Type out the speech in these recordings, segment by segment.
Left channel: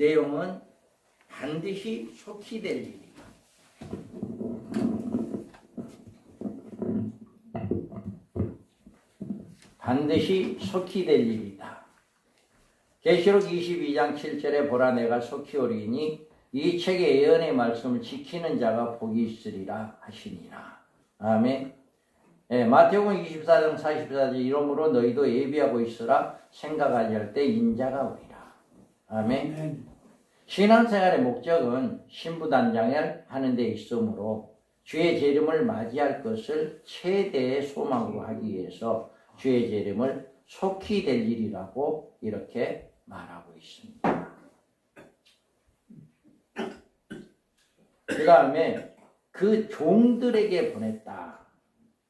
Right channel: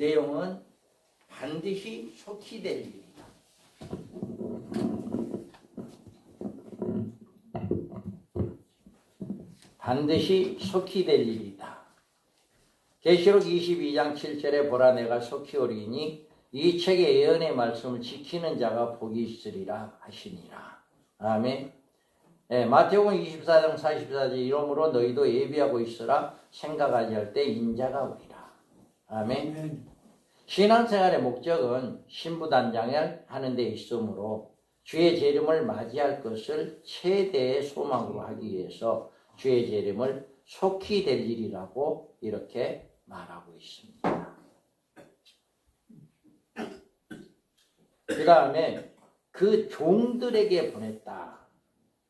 내용은 반드시 속히 될 일이다. 반드시 속히 될 일이다. 계시록 22장 7절에 보라 내가 속히 오리니 이 책의 예언의 말씀을 지키는 자가 복이 있으리라 하시니라. 아멘. 마태복음 24장 44절 이러므로 너희도 예비하고 있으라 생각하지 할 때 인자가 오리라. 아멘. 신앙생활의 목적은 신부단장을 하는 데 있으므로 주의 재림을 맞이할 것을 최대의 소망으로 하기 위해서 주의 재림을 속히 될 일이라고 이렇게 말하고 있습니다. 그 다음에 그 종들에게 보냈다.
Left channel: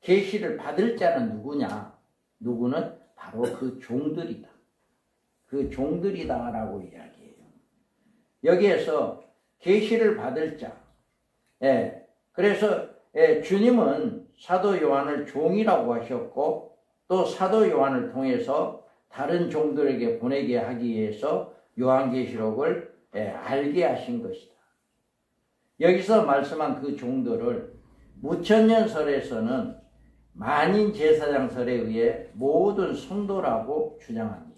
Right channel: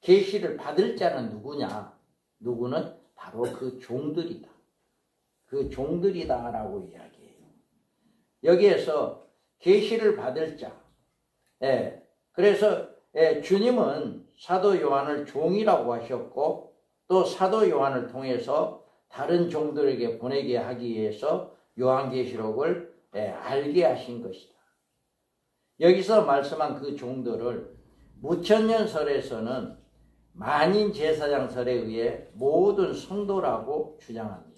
계시를 받을 자는 누구냐? 누구는 바로 그 종들이다. 그 종들이다라고 이야기해요. 여기에서 계시를 받을 자. 그래서 주님은 사도 요한을 종이라고 하셨고 또 사도 요한을 통해서 다른 종들에게 보내게 하기 위해서 요한계시록을 알게 하신 것이다. 여기서 말씀한 그 종들을 무천년설에서는 만인 제사장설에 의해 모든 성도라고 주장합니다.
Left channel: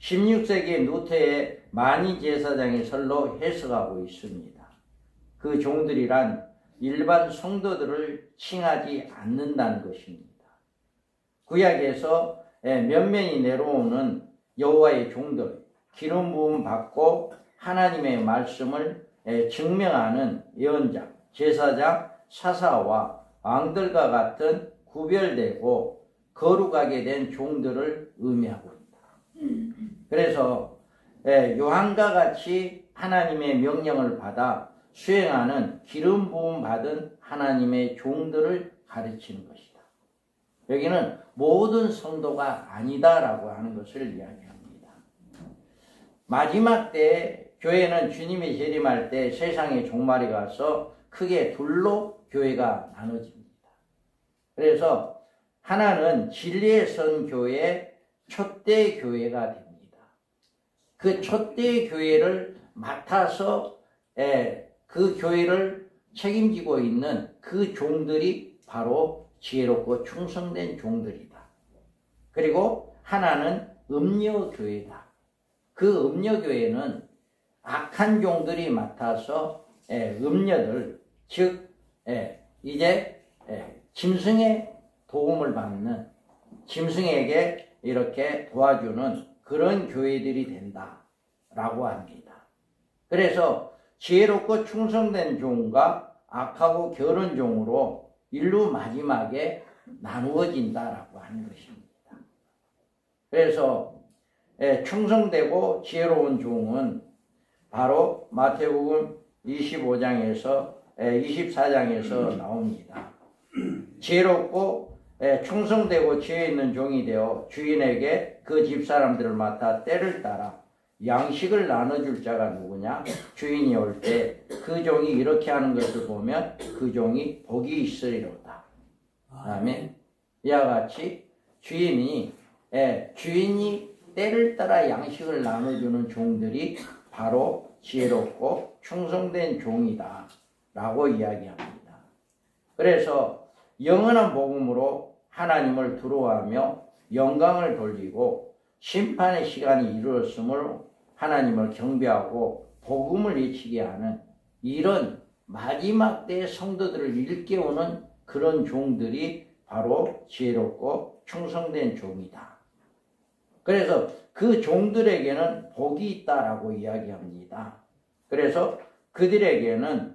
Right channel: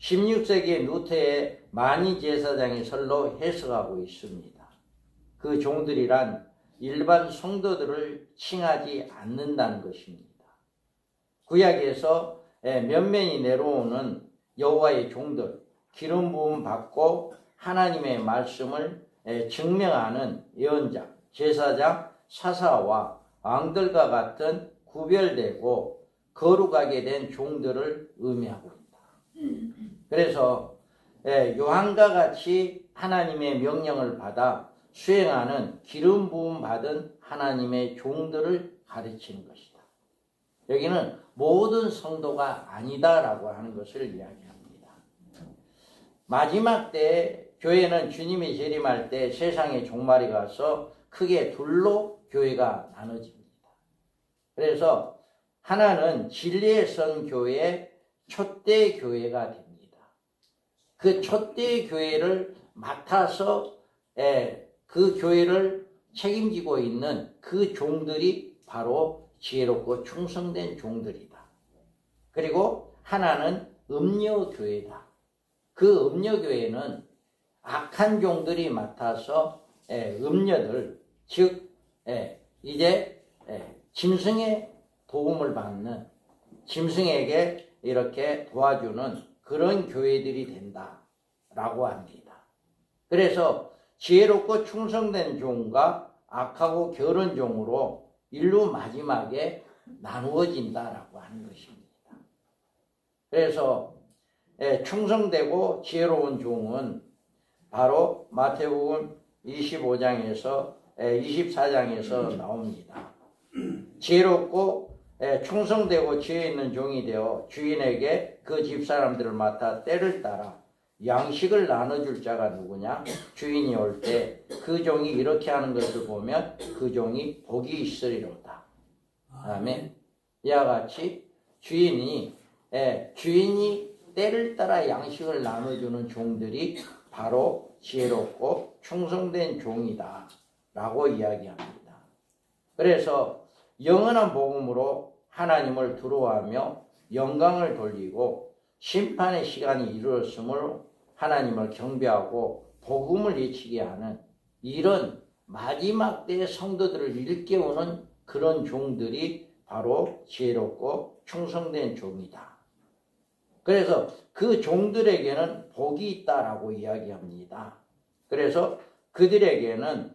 16세기 루터의 만인 제사장의 설로 해석하고 있습니다. 그 종들이란 일반 성도들을 칭하지 않는다는 것입니다. 구약에서 면면이 내려오는 여호와의 종들, 기름 부음 받고 하나님의 말씀을 증명하는 예언자, 제사장, 사사와 왕들과 같은 구별되고 거룩하게 된 종들을 의미하고 있다. 그래서 요한과 같이 하나님의 명령을 받아 수행하는 기름 부음 받은 하나님의 종들을 가르치는 것이다. 여기는 모든 성도가 아니다라고 하는 것을 이야기합니다. 마지막 때 교회는 주님이 재림할 때 세상의 종말이 가서 크게 둘로 교회가 나눠집니다. 그래서 하나는 진리의 선 교회의 촛대 교회가 됩니다. 그 촛대 교회를 맡아서 그 교회를 책임지고 있는 그 종들이 바로 지혜롭고 충성된 종들이다. 그리고 하나는 음녀교회다. 그 음녀교회는 악한 종들이 맡아서 음녀들, 즉 이제 짐승의 도움을 받는, 짐승에게 이렇게 도와주는 그런 교회들이 된다라고 합니다. 그래서 지혜롭고 충성된 종과 악하고 게으른 종으로 인류 마지막에 나누어진다라고 하는 것입니다. 그래서 충성되고 지혜로운 종은 바로 마태복음 25장에서 24장에서 나옵니다. 지혜롭고 충성되고 지혜 있는 종이 되어 주인에게 그 집사람들을 맡아 때를 따라 양식을 나눠줄 자가 누구냐? 주인이 올 때 그 종이 이렇게 하는 것을 보면 그 종이 복이 있으리로다. 아멘. 이와 같이 주인이 때를 따라 양식을 나눠주는 종들이 바로 지혜롭고 충성된 종이다 라고 이야기합니다. 그래서 영원한 복음으로 하나님을 두려워하며 영광을 돌리고 심판의 시간이 이르렀으므로 하나님을 경배하고 복음을 외치게 하는 이런 마지막 때의 성도들을 일깨우는 그런 종들이 바로 지혜롭고 충성된 종이다. 그래서 그 종들에게는 복이 있다라고 이야기합니다. 그래서 그들에게는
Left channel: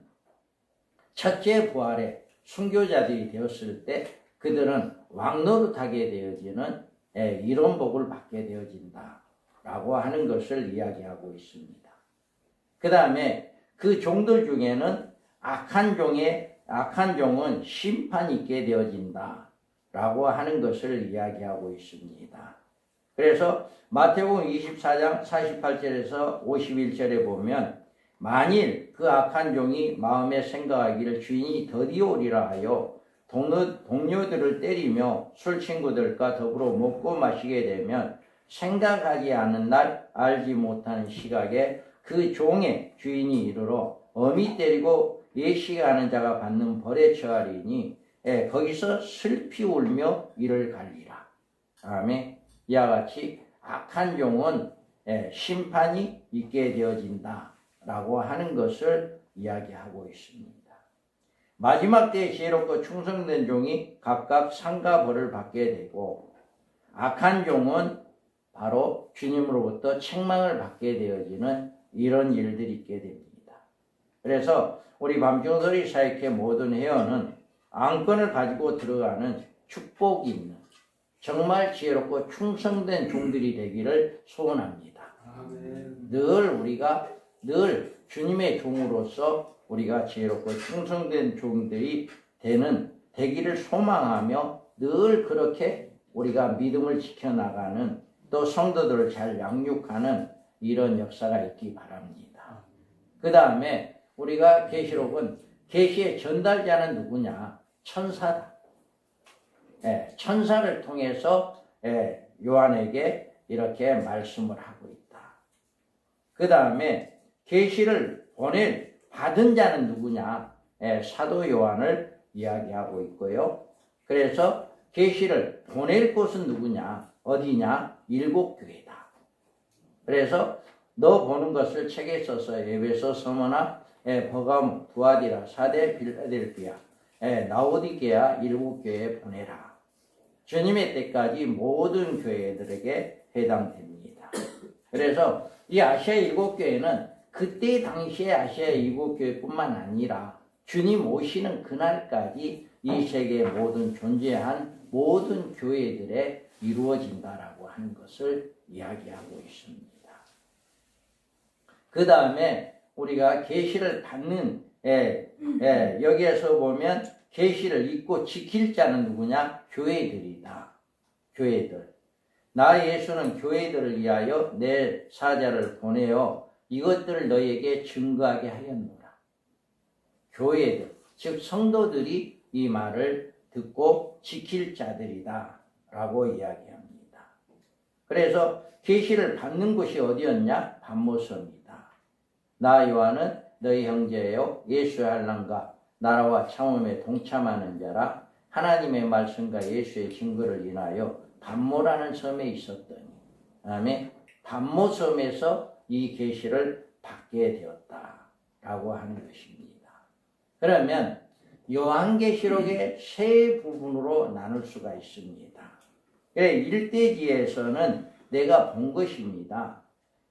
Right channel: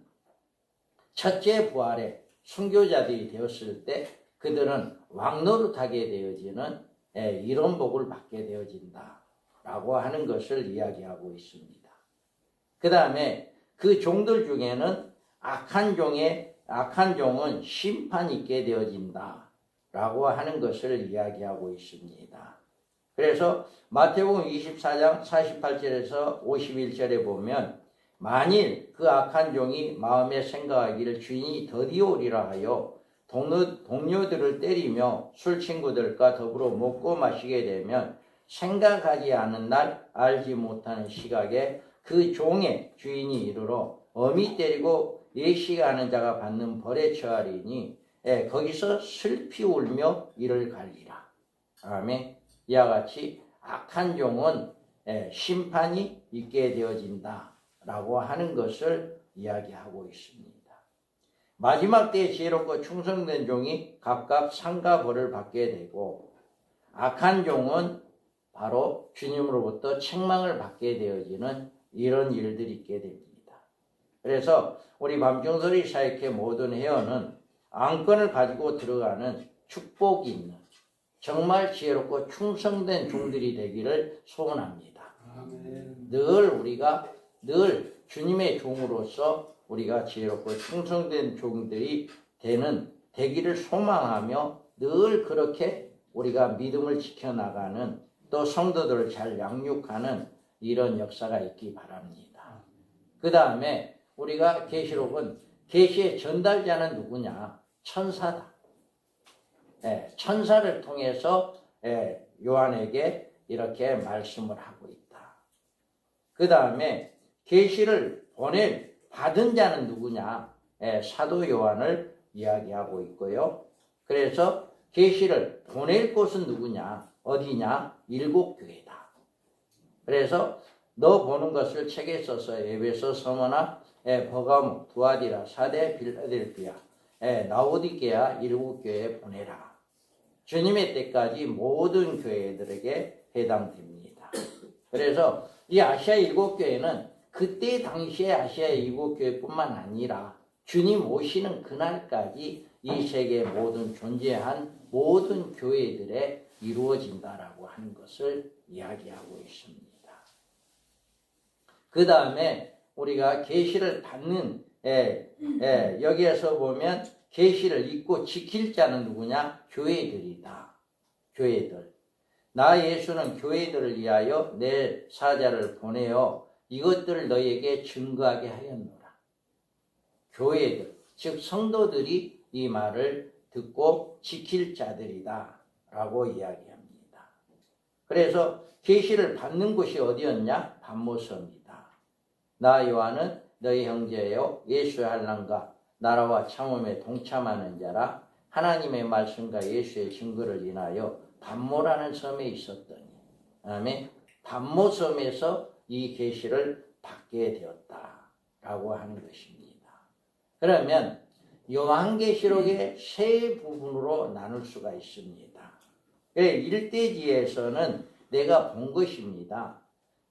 첫째 부활에 순교자들이 되었을 때 그들은 왕노릇하게 되어지는 이런 복을 받게 되어진다라고 하는 것을 이야기하고 있습니다. 그 다음에 그 종들 중에는 악한 종은 심판이 있게 되어진다라고 하는 것을 이야기하고 있습니다. 그래서 마태복음 24장 48절에서 51절에 보면 만일 그 악한 종이 마음에 생각하기를 주인이 드디어 오리라 하여 동료들을 때리며 술 친구들과 더불어 먹고 마시게 되면 생각하지 않는 날 알지 못하는 시각에 그 종의 주인이 이르러 어미 때리고 예시하는 자가 받는 벌에 처하리니 거기서 슬피 울며 이를 갈리라. 아멘. 이와 같이 악한 종은 심판이 있게 되어진다 라고 하는 것을 이야기하고 있습니다. 마지막 때에 지혜롭고 충성된 종이 각각 상과 벌을 받게 되고, 악한 종은 바로 주님으로부터 책망을 받게 되어지는 이런 일들이 있게 됩니다. 그래서 우리 밤중설의 사역회 모든 회원은 안건을 가지고 들어가는 축복이 있는 정말 지혜롭고 충성된 종들이 되기를 소원합니다. 늘 우리가 늘 주님의 종으로서 우리가 지혜롭고 충성된 종들이 되기를 소망하며 늘 그렇게 우리가 믿음을 지켜나가는, 또 성도들을 잘 양육하는 이런 역사가 있기 바랍니다. 그 다음에 우리가 계시록은 계시의 전달자는 누구냐? 천사다. 천사를 통해서 요한에게 이렇게 말씀을 하고 있다. 그 다음에 계시를 받은 자는 누구냐? 사도 요한을 이야기하고 있고요. 그래서 계시를 보낼 곳은 누구냐? 어디냐? 7교회다. 그래서 너 보는 것을 책에 써서 에베소, 서머나, 버가모, 두아디라, 사대, 빌라델피아, 라오디게아 7교회에 보내라. 주님의 때까지 모든 교회들에게 해당됩니다. 그래서 이 아시아 7교회는 그때 당시에 아시아 7교회뿐만 아니라 주님 오시는 그날까지 이 세계에 모든 존재한 모든 교회들에 이루어진다라고 하는 것을 이야기하고 있습니다. 그 다음에 우리가 계시를 받는 여기에서 보면 계시를 잊고 지킬 자는 누구냐? 교회들이다. 교회들. 나 예수는 교회들을 위하여 내 사자를 보내어 이것들을 너희에게 증거하게 하였노라. 교회들, 즉 성도들이 이 말을 듣고 지킬 자들이다 라고 이야기합니다. 그래서 계시를 받는 곳이 어디였냐? 반모섬이다. 나 요한은 너희 형제요 예수의 한란과 나라와 참음에 동참하는 자라. 하나님의 말씀과 예수의 증거를 인하여 반모라는 섬에 있었더니, 아멘. 반모섬에서 이 계시를 받게 되었다라고 하는 것입니다. 그러면 요한계시록의 세 부분으로 나눌 수가 있습니다. 1대지에서는 내가 본 것입니다.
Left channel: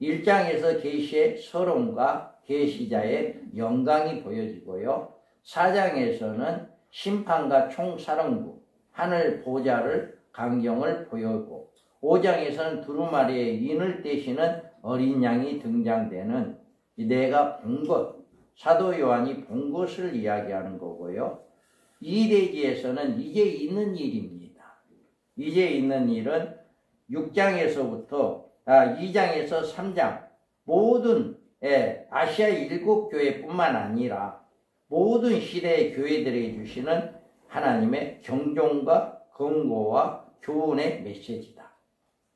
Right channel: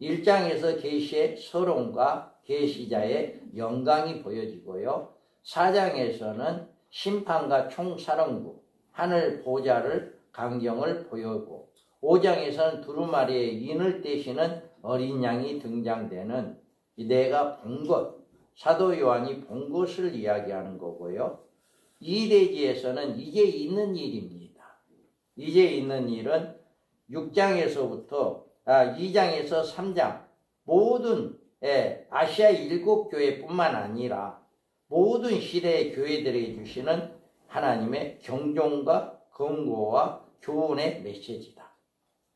1장에서 계시의 서론과 계시자의 영광이 보여지고요. 4장에서는 심판과 총사령부, 하늘 보좌를 강경을 보여고, 5장에서는 두루마리의 인을 떼시는 어린 양이 등장되는 내가 본 것, 사도 요한이 본 것을 이야기하는 거고요. 2대지에서는 이제 있는 일입니다. 이제 있는 일은 6장에서부터 2장에서 3장 모든 아시아 7교회뿐만 아니라 모든 시대의 교회들에게 주시는 하나님의 경종과 권고와 교훈의 메시지다.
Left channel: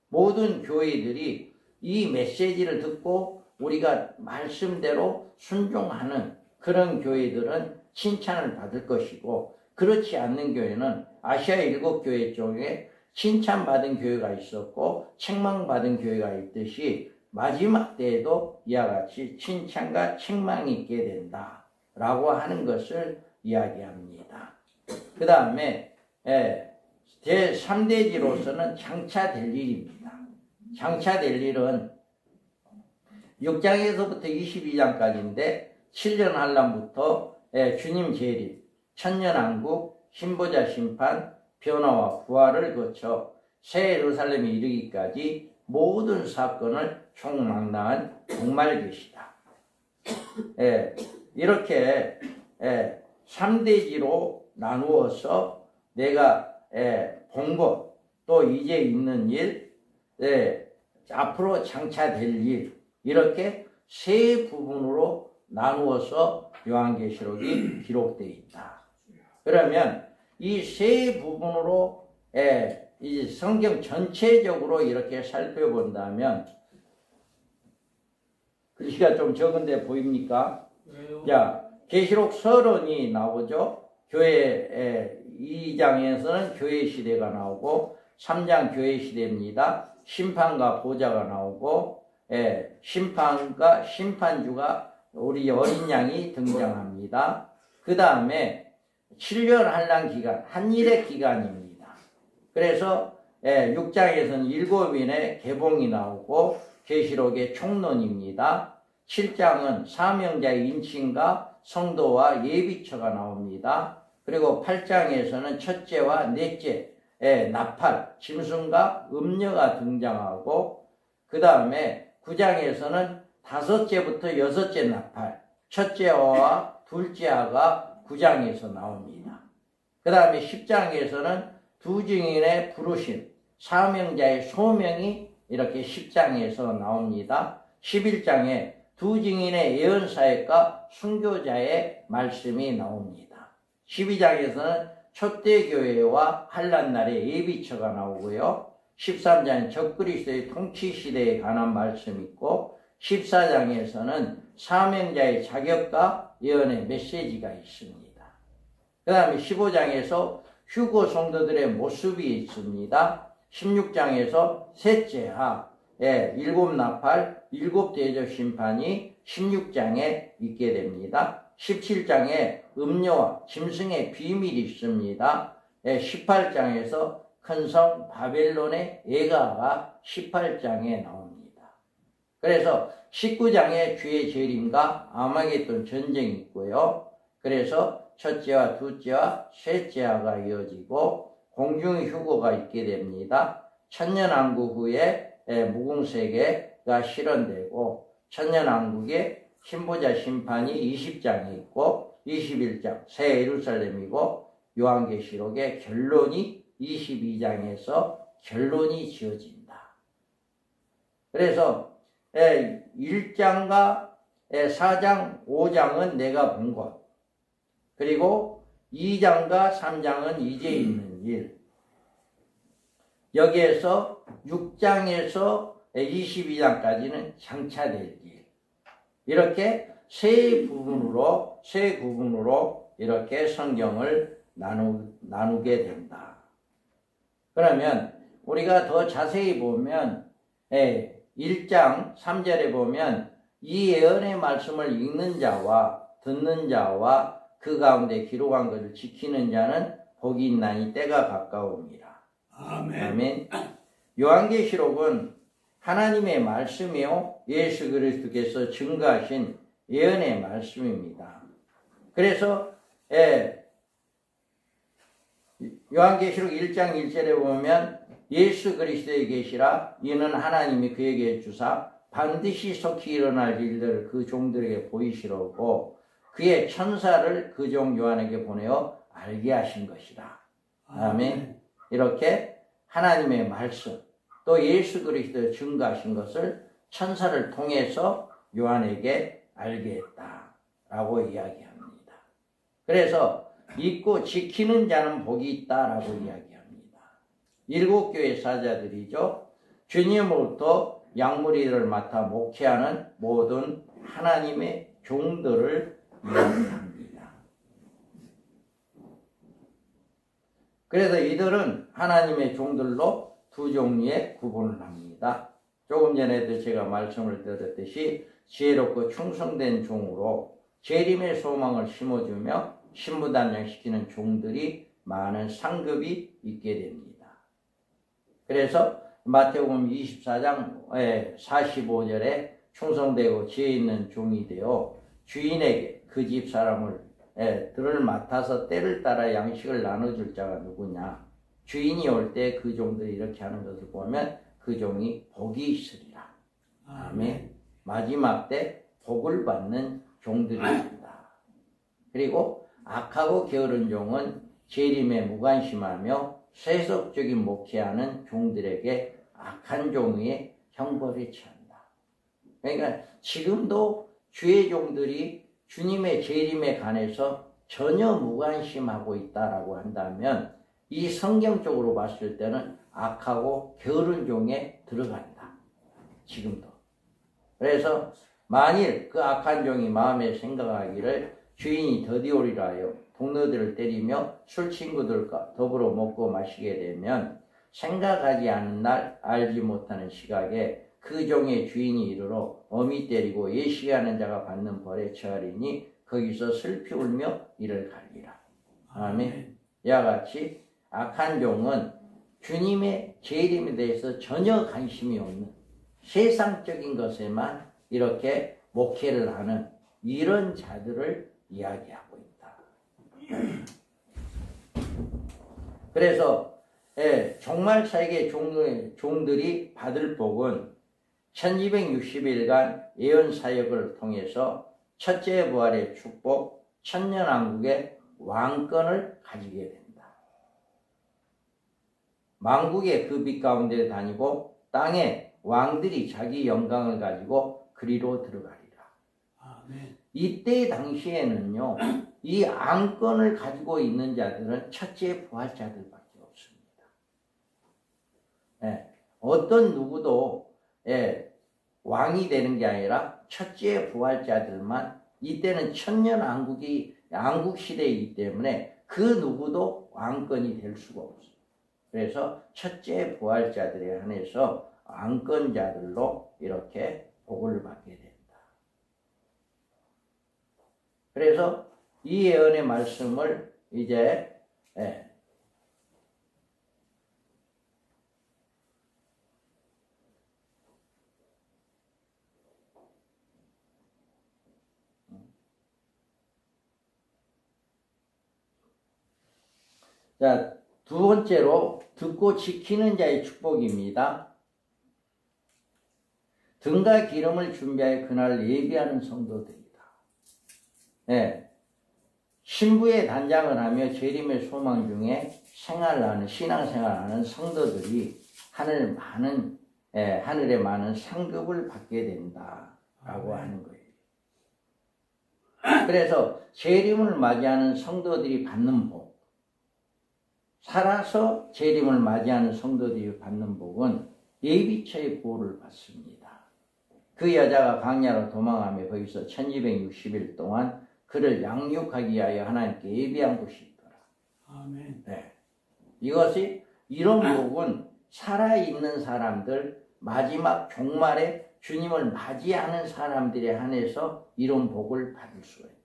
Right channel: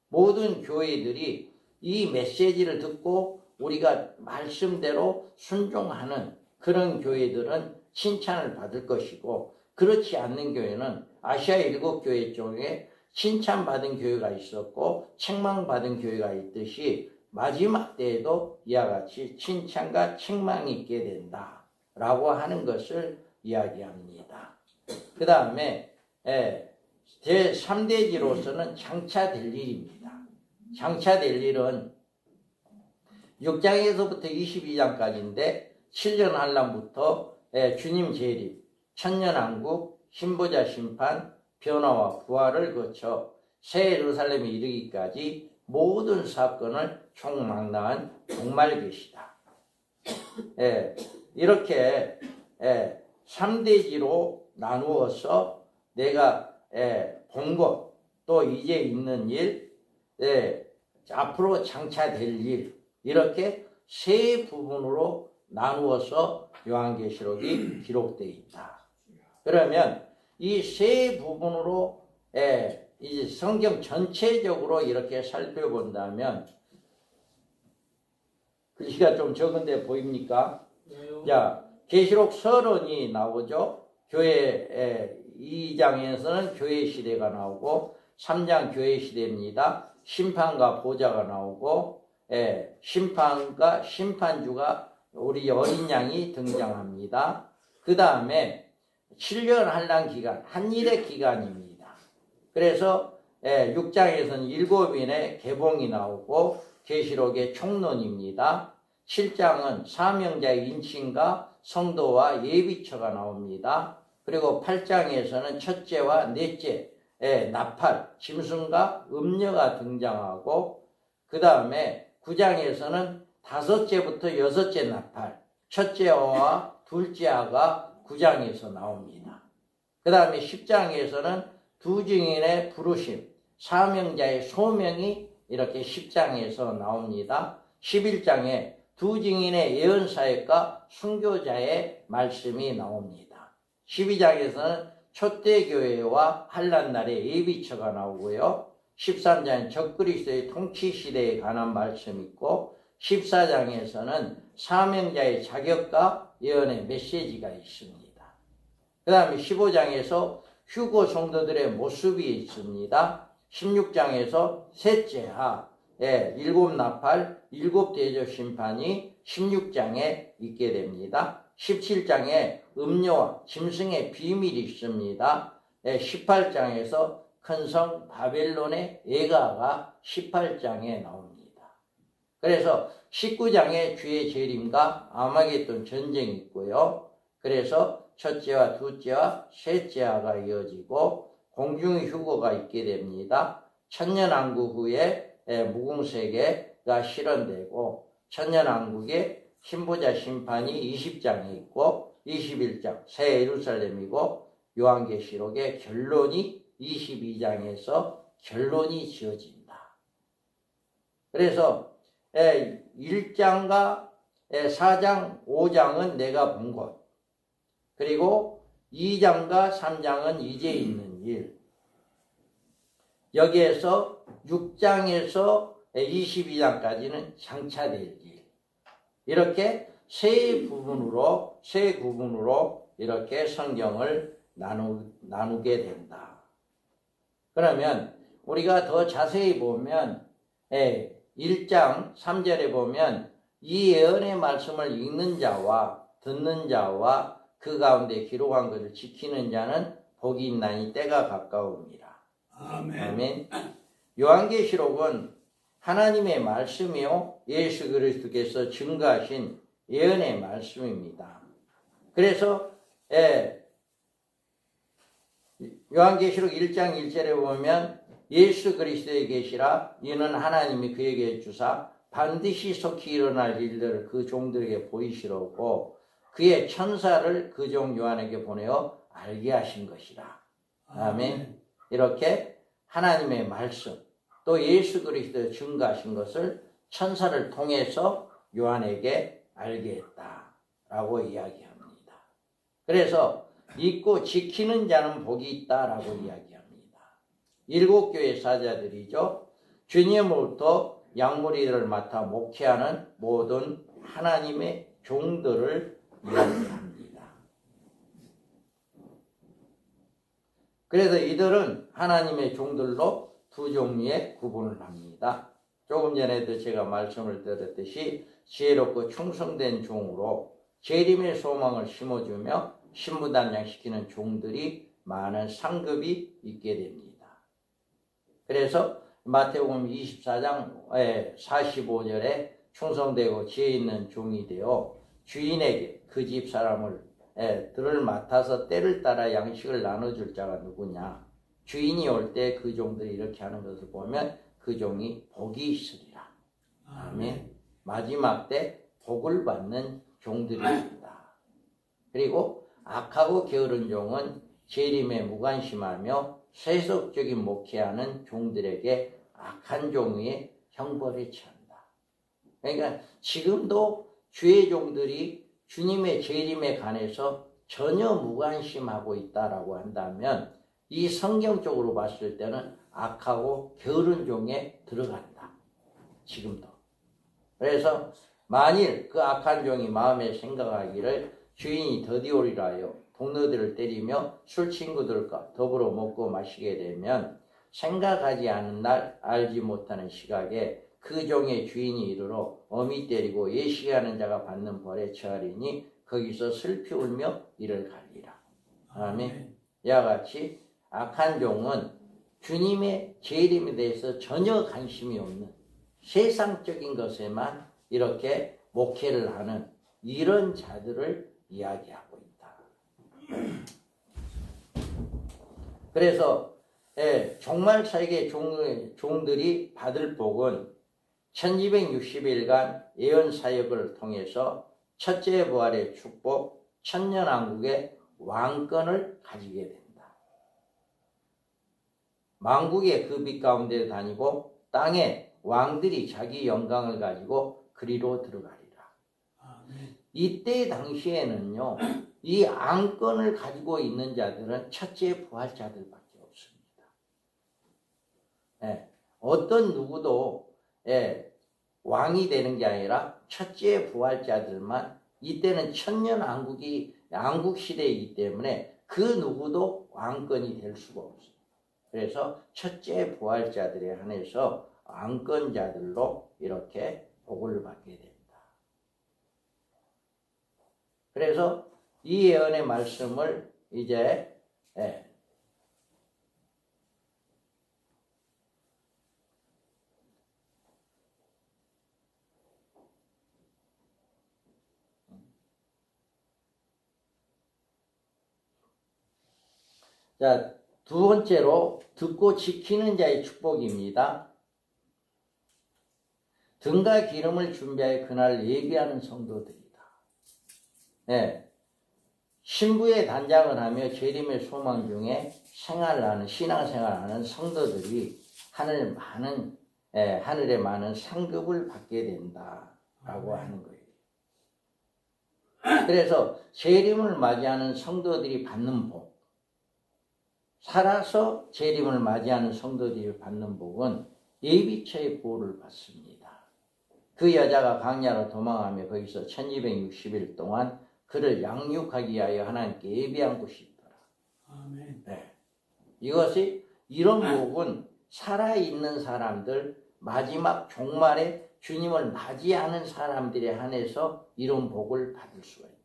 모든 교회들이 이 메시지를 듣고 우리가 말씀대로 순종하는 그런 교회들은 칭찬을 받을 것이고, 그렇지 않는 교회는 아시아 7교회 중에 칭찬받은 교회가 있었고 책망받은 교회가 있듯이 마지막 때에도 이와 같이 칭찬과 책망이 있게 된다라고 하는 것을 이야기합니다. 그 다음에 제3대지로서는 장차될 일입니다. 장차될 일은 6장에서부터 22장까지인데 7년 한란부터 주님 재림, 천년왕국, 신보자 심판, 변화와 부활을 거쳐 새 예루살렘에 이르기까지 모든 사건을 총망라한 종말계시다. 이렇게 3대지로 나누어서 내가 본 것, 또 이제 있는 일, 앞으로 장차될 일, 이렇게 세 부분으로 나누어서 요한계시록이 기록되어 있다. 그러면 이 세 부분으로 이 성경 전체적으로 이렇게 살펴본다면 글씨가 좀 적은데 보입니까? 자, 계시록 서론이 나오죠. 교회 2장에서는 교회 시대가 나오고 3장 교회 시대입니다. 심판과 보좌가 나오고 심판과 심판주가 우리 어린 양이 등장합니다. 그 다음에 7년 한란 기간, 한일의 기간입니다. 그래서 6장에서는 7인의 개봉이 나오고 계시록의 총론입니다. 7장은 사명자의 인칭과 성도와 예비처가 나옵니다. 그리고 8장에서는 첫째와 넷째, 나팔, 짐승과 음녀가 등장하고 그 다음에 9장에서는 다섯째부터 여섯째 나팔, 첫째와 둘째가 9장에서 나옵니다. 그 다음에 10장에서는 두 증인의 부르심, 사명자의 소명이 이렇게 10장에서 나옵니다. 11장에 두 증인의 예언사역과 순교자의 말씀이 나옵니다. 12장에서는 초대교회와 한란날의 예비처가 나오고요. 13장은 적그리스도의 통치시대에 관한 말씀이 있고 14장에서는 사명자의 자격과 예언의 메시지가 있습니다. 그 다음에 15장에서 휴거 성도들의 모습이 있습니다. 16장에서 셋째하, 일곱 나팔, 일곱 대접 심판이 16장에 있게 됩니다. 17장에 음료와 짐승의 비밀이 있습니다. 18장에서 큰 성 바벨론의 예가가 18장에 나옵니다. 그래서 19장에 주의 재림과 아마겟돈 전쟁이 있고요. 그래서 첫째와 둘째와 셋째가 이어지고 공중의 휴거가 있게 됩니다. 천년왕국 후에 무궁세계가 실현되고 천년왕국의 신보자 심판이 20장에 있고 21장 새 예루살렘이고 요한계시록의 결론이 22장에서 결론이 지어진다. 그래서 1장과 4장, 5장은 내가 본 것, 그리고 2장과 3장은 이제 있는 일, 여기에서 6장에서 22장까지는 장차될 일, 이렇게 세 구분으로 이렇게 성경을 나누게 된다. 그러면 우리가 더 자세히 보면 1장 3절에 보면 이 예언의 말씀을 읽는 자와 듣는 자와 그 가운데 기록한 것을 지키는 자는 복이 있나니 때가 가까웁니다. 아멘. 아멘. 요한계시록은 하나님의 말씀이요 예수 그리스도께서 증거하신 예언의 말씀입니다. 그래서 요한계시록 1장 1절에 보면 예수 그리스도의 계시라 이는 하나님이 그에게 주사 반드시 속히 일어날 일들을 그 종들에게 보이시려고 그의 천사를 그 종 요한에게 보내어 알게 하신 것이라. 아멘. 이렇게 하나님의 말씀 또 예수 그리스도의 증거하신 것을 천사를 통해서 요한에게 알게 했다라고 이야기합니다. 그래서 믿고 지키는 자는 복이 있다라고 이야기합니다. 7교회 사자들이죠. 주님으로부터 양무리를 맡아 목회하는 모든 하나님의 종들을 이야기합니다. 그래서 이들은 하나님의 종들로 두 종류의 구분을 합니다. 조금 전에도 제가 말씀을 드렸듯이 지혜롭고 충성된 종으로 재림의 소망을 심어주며 신무단장시키는 종들이 많은 상급이 있게 됩니다. 그래서 마태복음 24장 45절에 충성되고 지혜 있는 종이 되어 주인에게 그 집 사람을 들을 맡아서 때를 따라 양식을 나눠줄 자가 누구냐. 주인이 올 때 그 종들이 이렇게 하는 것을 보면 그 종이 복이 있으리라. 아멘. 마지막 때 복을 받는 종들입니다. 그리고 악하고 게으른 종은 재림에 무관심하며 세속적인 목회하는 종들에게 악한 종의 형벌에 처한다. 그러니까 지금도 주의 종들이 주님의 재림에 관해서 전혀 무관심하고 있다라고 한다면 이 성경적으로 봤을 때는 악하고 게으른 종에 들어간다. 지금도. 그래서 만일 그 악한 종이 마음에 생각하기를 주인이 더디오리라 하여 동료들을 때리며 술 친구들과 더불어 먹고 마시게 되면 생각하지 않은 날 알지 못하는 시각에 그 종의 주인이 이르러 어미 때리고 예시하는 자가 받는 벌에 처하리니 거기서 슬피 울며 이를 갈리라. 아멘. 이와 같이 악한 종은 주님의 재림에 대해서 전혀 관심이 없는 세상적인 것에만 이렇게 목회를 하는 이런 자들을 이야기하고 있다. 그래서 종말차익의 종들이 받을 복은 1260일간 예언사역을 통해서 첫째 부활의 축복, 천년왕국의 왕권을 가지게 된다. 만국의 그 빛 가운데 다니고 땅에 왕들이 자기 영광을 가지고 그리로 들어가리라. 아멘. 이때 당시에는요, 이 왕권을 가지고 있는 자들은 첫째 부활자들밖에 없습니다. 어떤 누구도 왕이 되는 게 아니라 첫째 부활자들만, 이때는 천년왕국 시대이기 때문에 그 누구도 왕권이 될 수가 없어요. 그래서 첫째 부활자들에 한해서 왕권자들로 이렇게 복을 받게 됩니다. 그래서 이 예언의 말씀을 이제 자, 두 번째로 듣고 지키는 자의 축복입니다. 등과 기름을 준비하여 그날 예비하는 성도들이다. 신부의 단장을 하며 재림의 소망 중에 생활하는, 신앙생활하는 성도들이 하늘에 많은 상급을 받게 된다라고 하는 거예요. 그래서 재림을 맞이하는 성도들이 받는 복, 살아서 재림을 맞이하는 성도들이 받는 복은 예비처의 보호를 받습니다. 그 여자가 광야로 도망하며 거기서 1260일 동안 그를 양육하기 위하여 하나님께 예비한 곳이 있더라. 아멘. 이것이 이런 복은 살아있는 사람들, 마지막 종말에 주님을 맞이하는 사람들에 한해서 이런 복을 받을 수가 있다.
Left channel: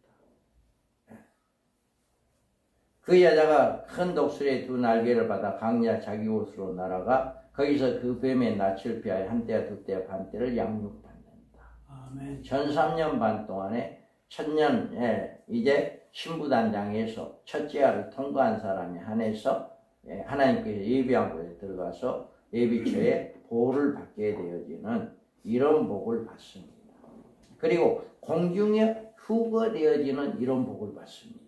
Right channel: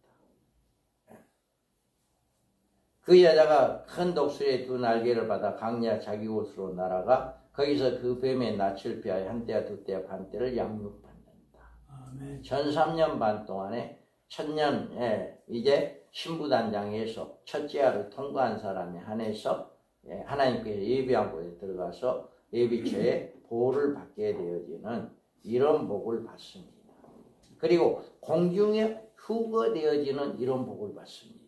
그 여자가 큰 독수리의 두 날개를 받아 광야 자기 곳으로 날아가 거기서 그 뱀의 낯을 피하여 한때와 두때와 반때를 양육받는다. 아멘. 전 3년 반 동안에 천년에 이제 신부단장에서 첫째 알을 통과한 사람에 한해서 하나님께서 예비한 곳에 들어가서 예비처의 보호를 받게 되어지는 이런 복을 받습니다. 그리고 공중에 후거되어지는 이런 복을 받습니다.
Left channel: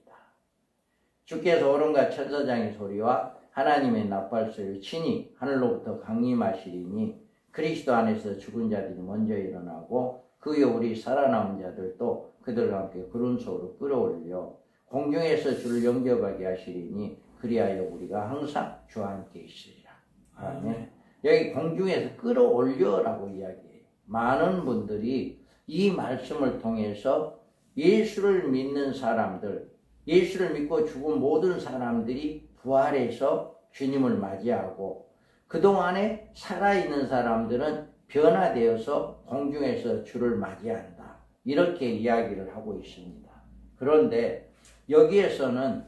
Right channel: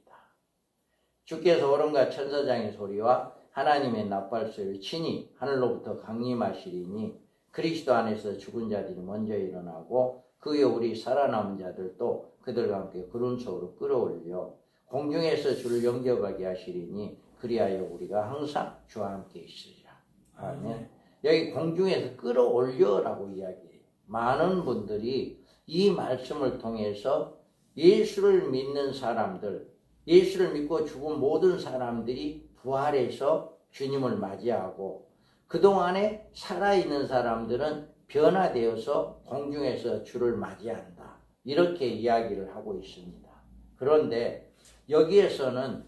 주께서 오른과 천사장의 소리와 하나님의 나팔소리를 친히 하늘로부터 강림하시리니 그리스도 안에서 죽은 자들이 먼저 일어나고 그 후에 우리 살아남은 자들도 그들과 함께 구름 속으로 끌어올려 공중에서 주를 영접하게 하시리니 그리하여 우리가 항상 주와 함께 있으리라. 아멘. 여기 공중에서 끌어올려라고 이야기해요. 많은 분들이 이 말씀을 통해서 예수를 믿는 사람들, 예수를 믿고 죽은 모든 사람들이 부활해서 주님을 맞이하고 그동안에 살아있는 사람들은 변화되어서 공중에서 주를 맞이한다. 이렇게 이야기를 하고 있습니다. 그런데 여기에서는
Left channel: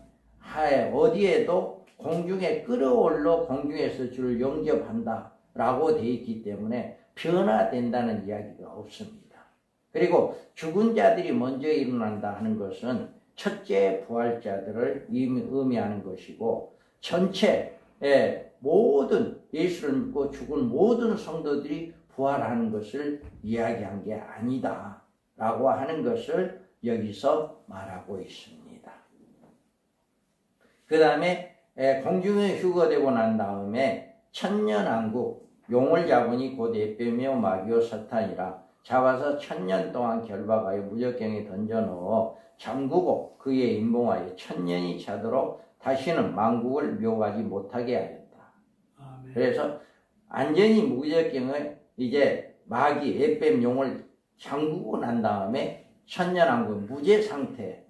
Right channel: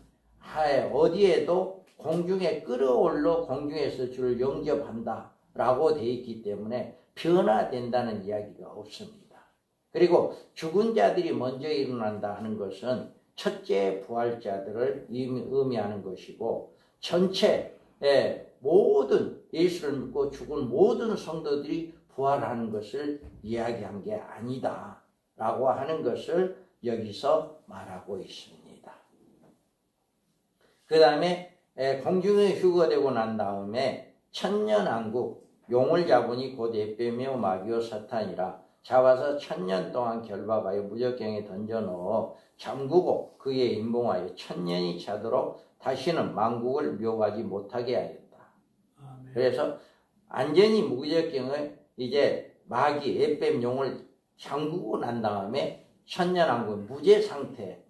어디에도 공중에 끌어올려 공중에서 주를 영접한다 라고 되어 있기 때문에 변화된다는 이야기가 없습니다. 그리고 죽은 자들이 먼저 일어난다 하는 것은 첫째 부활자들을 의미하는 것이고 전체 모든 예수를 믿고 죽은 모든 성도들이 부활하는 것을 이야기한 게 아니다 라고 하는 것을 여기서 말하고 있습니다. 그 다음에 공중에 휴거되고 난 다음에 천년왕국 용을 잡으니 곧 에빼며 마귀요 사탄이라 잡아서 1000년 동안 결박하여 무적경에 던져넣어 잠그고 그의 임봉하여 1000년이 차도록 다시는 만국을 묘하지 못하게 하였다. 아멘. 그래서 완전히 무적경을 이제 마귀 에뱀용을 잠그고 난 다음에 천년왕국 무죄 상태,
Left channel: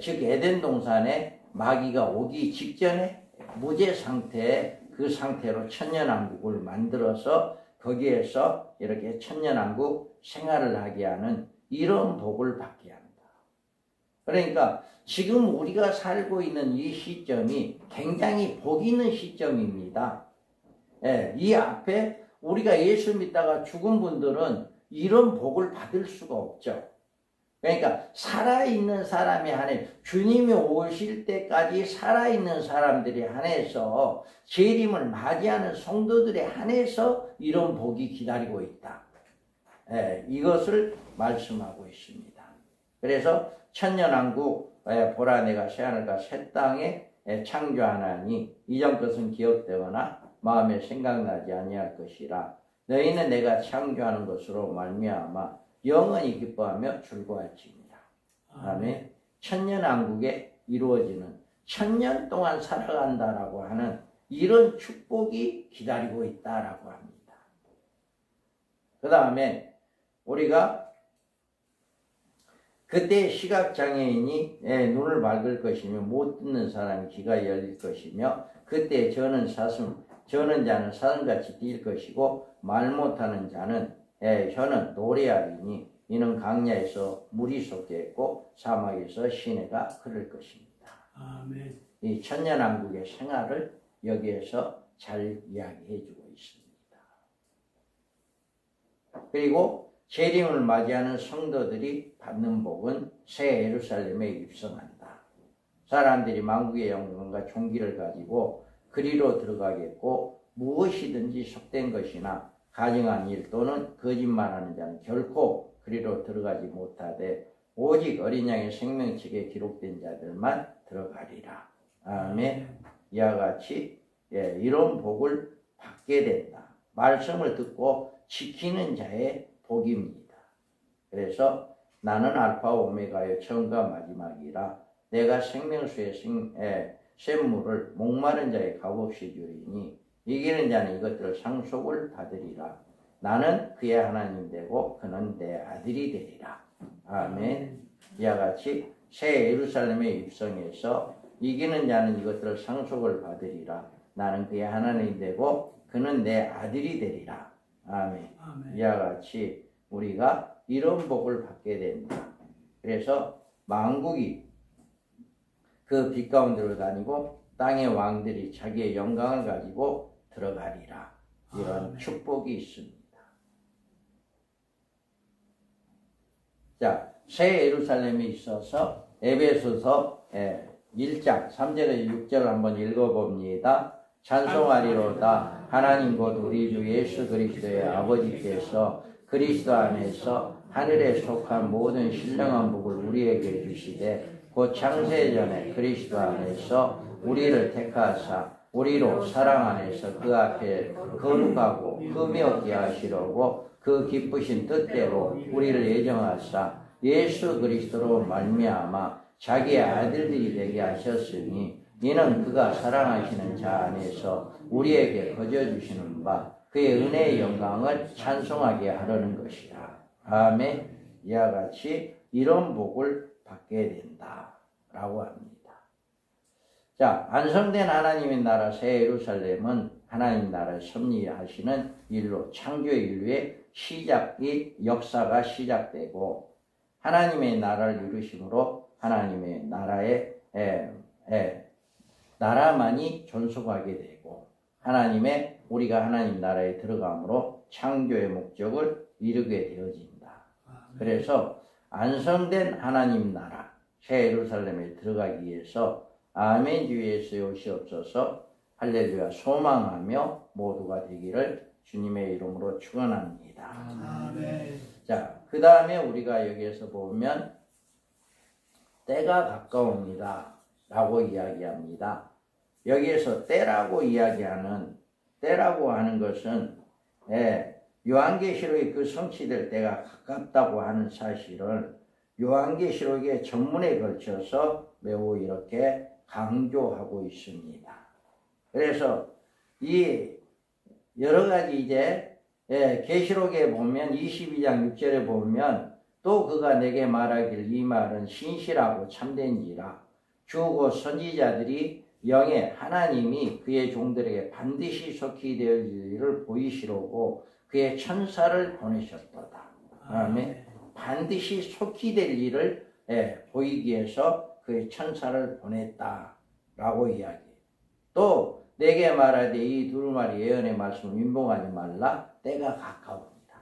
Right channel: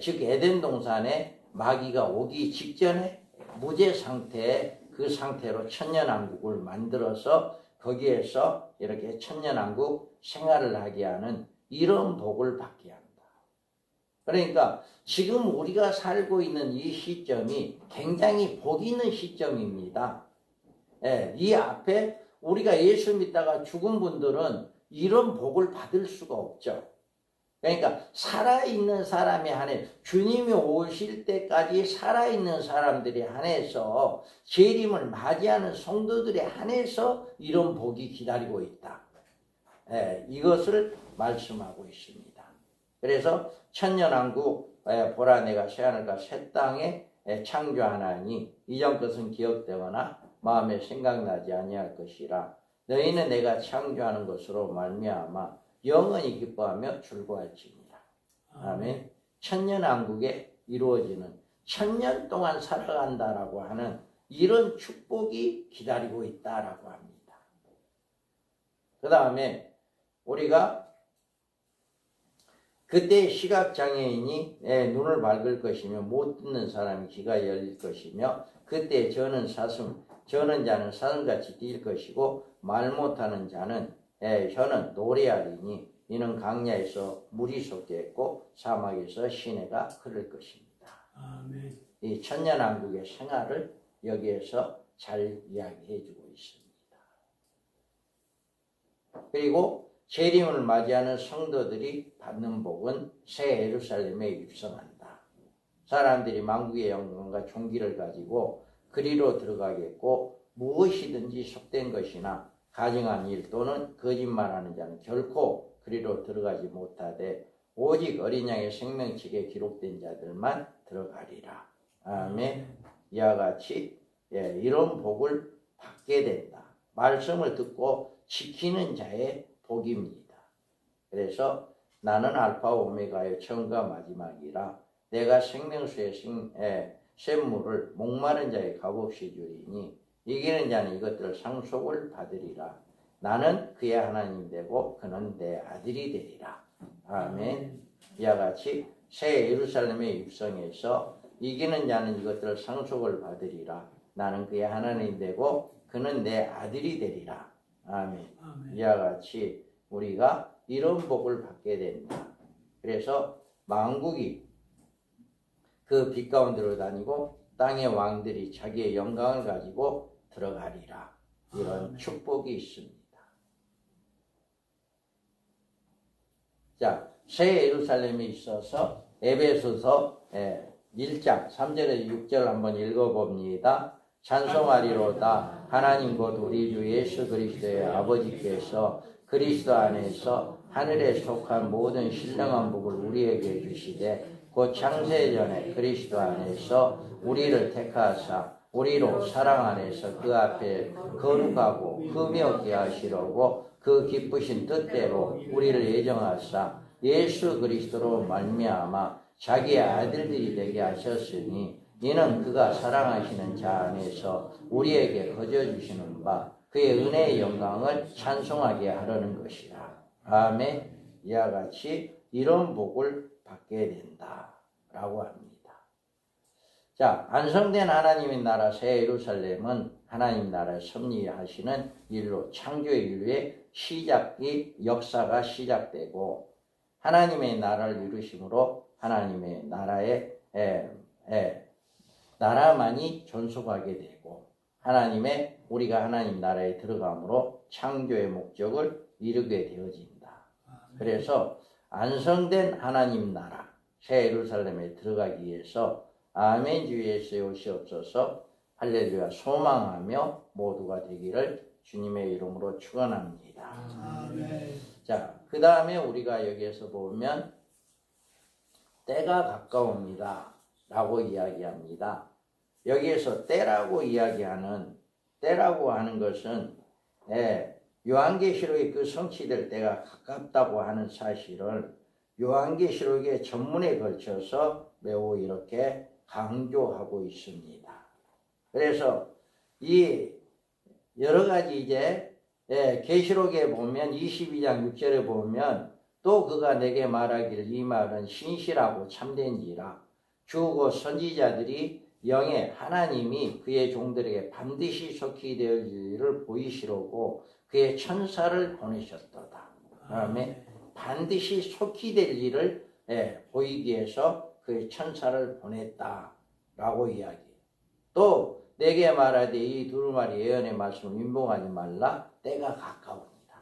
즉 에덴 동산에 마귀가 오기 직전에 무죄 상태에 그 상태로 천년왕국을 만들어서 거기에서 이렇게 천년왕국 생활을 하게 하는 이런 복을 받게 한다. 그러니까 지금 우리가 살고 있는 이 시점이 굉장히 복 있는 시점입니다. 이 앞에 우리가 예수 믿다가 죽은 분들은 이런 복을 받을 수가 없죠. 그러니까 살아있는 사람이 한해 주님이 오실 때까지 살아있는 사람들이 한해서 재림을 맞이하는 성도들이 한해서 이런 복이 기다리고 있다. 이것을 말씀하고 있습니다. 그래서 천년왕국 보라 내가 새하늘과 새 땅에 창조하나니 이전 것은 기억되거나 마음에 생각나지 아니할 것이라. 너희는 내가 창조하는 것으로 말미암아 영원히 기뻐하며 즐거워할지니라. 아멘. 천년왕국에 이루어지는 천년 동안 살아간다라고 하는 이런 축복이 기다리고 있다라고 합니다. 그 다음에 우리가 그때 시각장애인이 눈을 밝을 것이며 못 듣는 사람이 귀가 열릴 것이며 그때 저는 자는 사슴같이 뛸 것이고 말 못하는 자는 혀는 노래하리니 이는 강야에서 물이 솟겠고 사막에서 시내가 흐를 것입니다. 아멘. 이 천년왕국의 생활을 여기에서 잘 이야기해 주고 있습니다. 그리고 재림을 맞이하는 성도들이 받는 복은 새 예루살렘에 입성한다. 사람들이 만국의 영광과 존귀를 가지고 그리로 들어가겠고 무엇이든지 속된 것이나 가증한 일 또는 거짓말하는 자는 결코 그리로 들어가지 못하되 오직 어린 양의 생명책에 기록된 자들만 들어가리라. 아멘. 이와 같이 이런 복을 받게 된다. 말씀을 듣고 지키는 자의 복입니다. 그래서 나는 알파와 오메가의 처음과 마지막이라 내가 생명수의 샘물을 목마른 자의 값없이 주리니 이기는 자는 이것들을 상속을 받으리라. 나는 그의 하나님 되고 그는 내 아들이 되리라. 아멘. 이와 같이 새 예루살렘에 입성해서 이기는 자는 이것들을 상속을 받으리라. 나는 그의 하나님 되고 그는 내 아들이 되리라. 아멘. 이와 같이 우리가 이런 복을 받게 된다. 그래서 만국이 그 빛 가운데로 다니고 땅의 왕들이 자기의 영광을 가지고 들어가리라. 이런 축복이 있습니다. 자, 새 예루살렘에 있어서 에베소서 1장 3절에서 6절 한번 읽어봅니다. 찬송하리로다. 하나님 곧 우리 주 예수 그리스도의 아버지께서 그리스도 안에서 하늘에 속한 모든 신령한 복을 우리에게 주시되 곧 창세 전에 그리스도 안에서 우리를 택하사 우리로 사랑 안에서 그 앞에 거룩하고 흠이 없게 하시려고 그 기쁘신 뜻대로 우리를 예정하사 예수 그리스도로 말미암아 자기의 아들들이 되게 하셨으니 이는 그가 사랑하시는 자 안에서 우리에게 거저주시는 바 그의 은혜의 영광을 찬송하게 하려는 것이라. 아멘. 이와 같이 이런 복을 받게 된다라고 합니다. 자, 완성된 하나님의 나라 새 예루살렘은 하나님 나라에 섭리하시는 일로 창조의 인류의 역사가 시작되고 하나님의 나라를 이루심으로 하나님의 나라의 나라만이 존속하게 되고 우리가 하나님 나라에 들어감으로 창조의 목적을 이루게 되어진다. 그래서 완성된 하나님 나라 새 예루살렘에 들어가기 위해서 아멘 주 예수 오시옵소서 할렐루야 소망하며 모두가 되기를 주님의 이름으로 축원합니다. 아멘. 자, 그 다음에 우리가 여기에서 보면 때가 가까웁니다 라고 이야기합니다. 여기에서 때라고 하는 것은 요한계시록의 그 성취될 때가 가깝다고 하는 사실을 요한계시록의 전문에 걸쳐서 매우 이렇게 강조하고 있습니다. 그래서 이 여러 가지 이제 계시록에 보면 22장 6절에 보면 또 그가 내게 말하기를 이 말은 신실하고 참된지라 주고 선지자들이 영에 하나님이 그의 종들에게 반드시 속히 될 일을 보이시려고 그의 천사를 보내셨도다. 그다음에 반드시 속히 될 일을 보이기 위해서 그의 천사를 보냈다라고 이야기해요. 또 내게 말하되 이 두루마리 예언의 말씀을 민봉하지 말라. 때가 가까웁니다.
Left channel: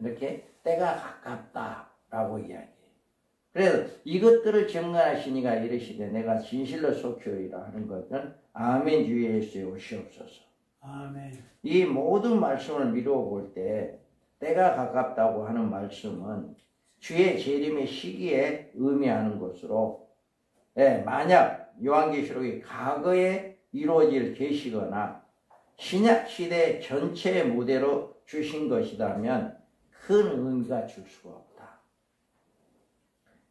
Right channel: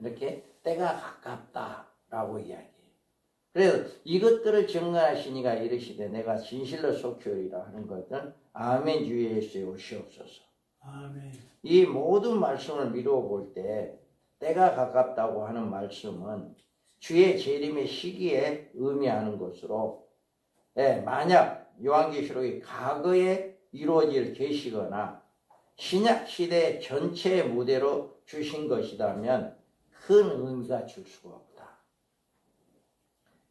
이렇게 때가 가깝다라고 이야기해요. 그래서 이것들을 증거하시니가 이르시되 내가 진실로 속히오리라 하는 것은 아멘 주 예수의 오시옵소서. 아멘. 이 모든 말씀을 미루어 볼 때 때가 가깝다고 하는 말씀은 주의 재림의 시기에 의미하는 것으로 만약 요한계시록이 과거에 이루어질 계시거나 신약 시대 전체의 무대로 주신 것이라면 큰 의미가 줄 수가 없다.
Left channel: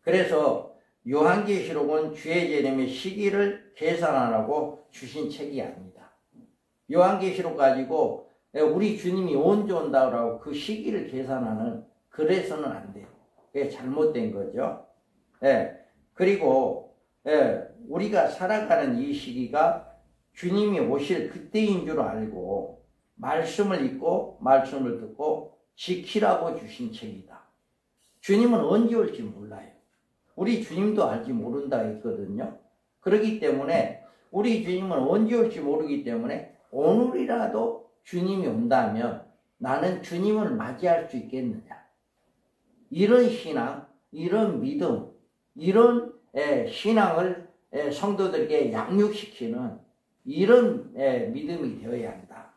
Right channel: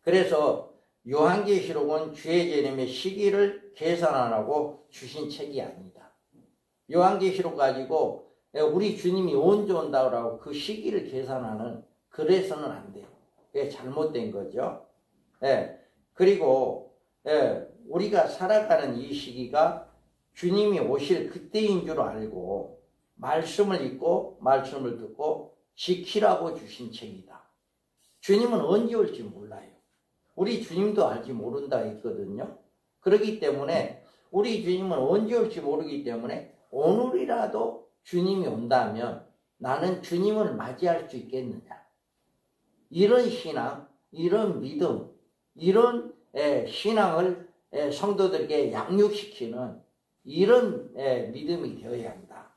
그래서 요한계시록은 주의 재림의 시기를 계산하라고 주신 책이 아니다. 요한계시록 가지고 우리 주님이 언제 온다고 그 시기를 계산하는 그래서는 안 돼요. 그게 잘못된 거죠. 그리고 우리가 살아가는 이 시기가 주님이 오실 그때인 줄 알고 말씀을 읽고 말씀을 듣고 지키라고 주신 책이다. 주님은 언제 올지 몰라요. 우리 주님도 알지 모른다 했거든요. 그렇기 때문에 우리 주님은 언제 올지 모르기 때문에 오늘이라도 주님이 온다면 나는 주님을 맞이할 수 있겠느냐. 이런 신앙, 이런 믿음, 이런 신앙을 성도들에게 양육시키는 이런 믿음이 되어야 한다.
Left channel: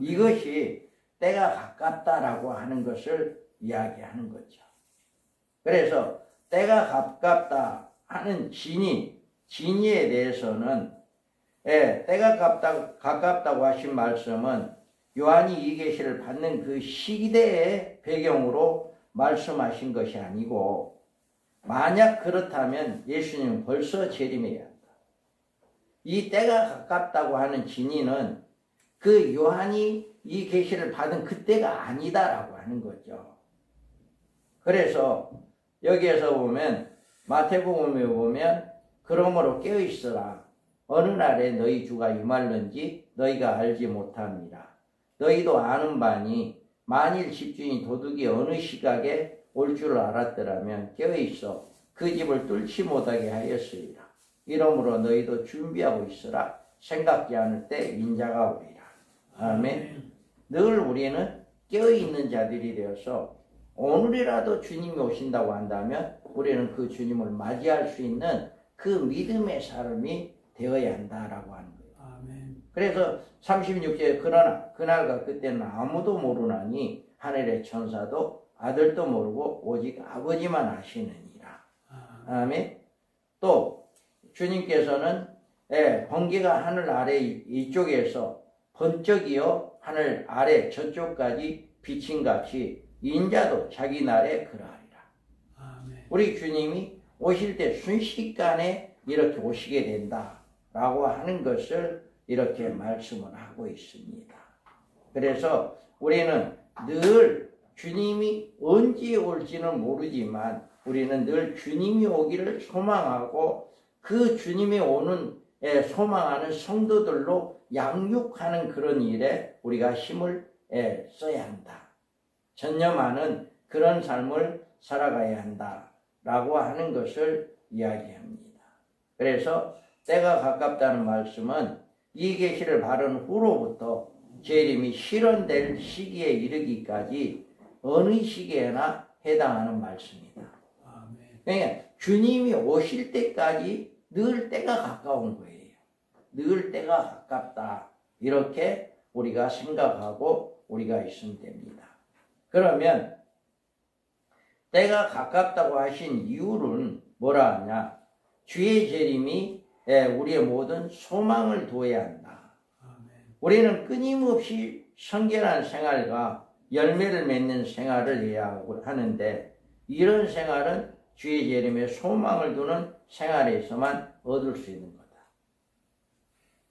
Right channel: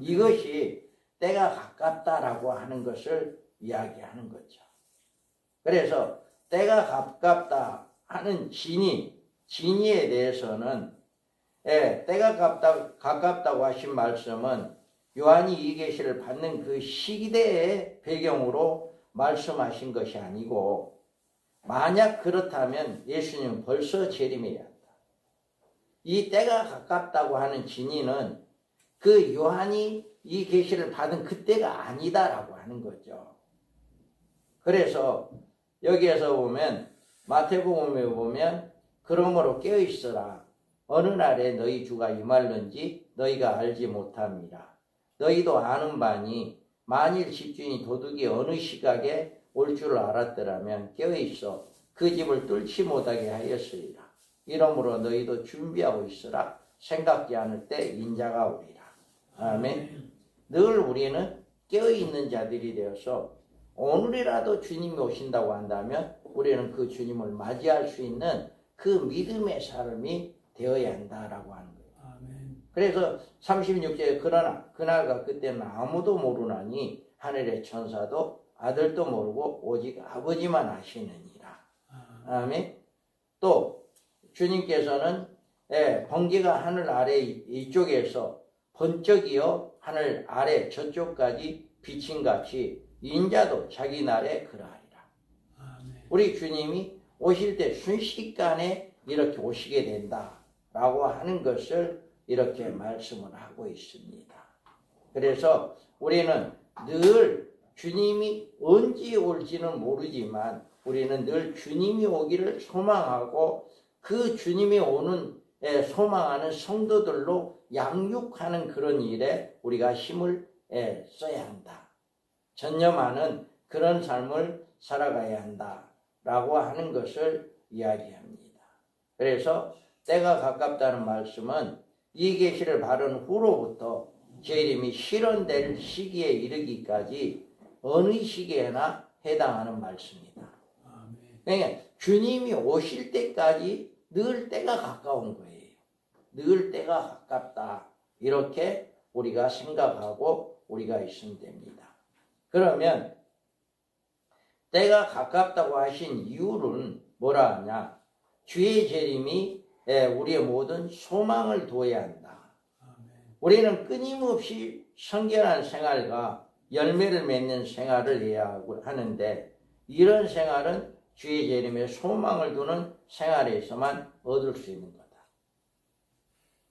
이것이 때가 가깝다라고 하는 것을 이야기하는 거죠. 그래서 때가 가깝다 하는 진의에 대해서는 때가 가깝다고 하신 말씀은 요한이 이 계시를 받는 그 시대의 배경으로 말씀하신 것이 아니고 만약 그렇다면 예수님은 벌써 재림해야 한다. 이 때가 가깝다고 하는 진의는 그 요한이 이 계시를 받은 그때가 아니다라고 하는 거죠. 그래서 여기에서 보면 마태복음에 보면 그러므로 깨어있으라. 어느 날에 너희 주가 임할는지 너희가 알지 못합니다. 너희도 아는 바니 만일 집주인이 도둑이 어느 시각에 올 줄을 알았더라면 깨어있어 그 집을 뚫지 못하게 하였으리라. 이러므로 너희도 준비하고 있으라. 생각지 않을 때 인자가 오리라. 아멘. 늘 우리는 깨어있는 자들이 되어서 오늘이라도 주님이 오신다고 한다면 우리는 그 주님을 맞이할 수 있는 그 믿음의 삶이 되어야 한다라고 하는 거예요. 아멘. 그래서 36절에 그러나 그날과 그때는 아무도 모르나니 하늘의 천사도 아들도 모르고 오직 아버지만 아시느니라. 아멘. 또 주님께서는 번개가 하늘 아래 이쪽에서 번쩍이어 하늘 아래 저쪽까지 비친 같이 인자도 자기 날에 그러하리라. 아멘. 우리 주님이 오실 때 순식간에 이렇게 오시게 된다라고 하는 것을 이렇게 말씀을 하고 있습니다. 그래서 우리는 늘 주님이 언제 올지는 모르지만 우리는 늘 주님이 오기를 소망하고 그 주님이 오는 소망하는 성도들로 양육하는 그런 일에 우리가 힘을 써야 한다. 전념하는 그런 삶을 살아가야 한다라고 하는 것을 이야기합니다. 그래서 때가 가깝다는 말씀은 이 계시를 바른 후로부터 재림이 실현될 시기에 이르기까지 어느 시기에나 해당하는 말씀이다. 그러니까 주님이 오실 때까지 늘 때가 가까운 거예요. 늘 때가 가깝다. 이렇게 우리가 생각하고 우리가 있으면 됩니다. 그러면 때가 가깝다고 하신 이유는 뭐라 하냐? 주의 재림이 우리의 모든 소망을 두어야 한다. 우리는 끊임없이 성결한 생활과 열매를 맺는 생활을 해야 하는데 이런 생활은 주의 재림에 소망을 두는 생활에서만 얻을 수 있는 거다.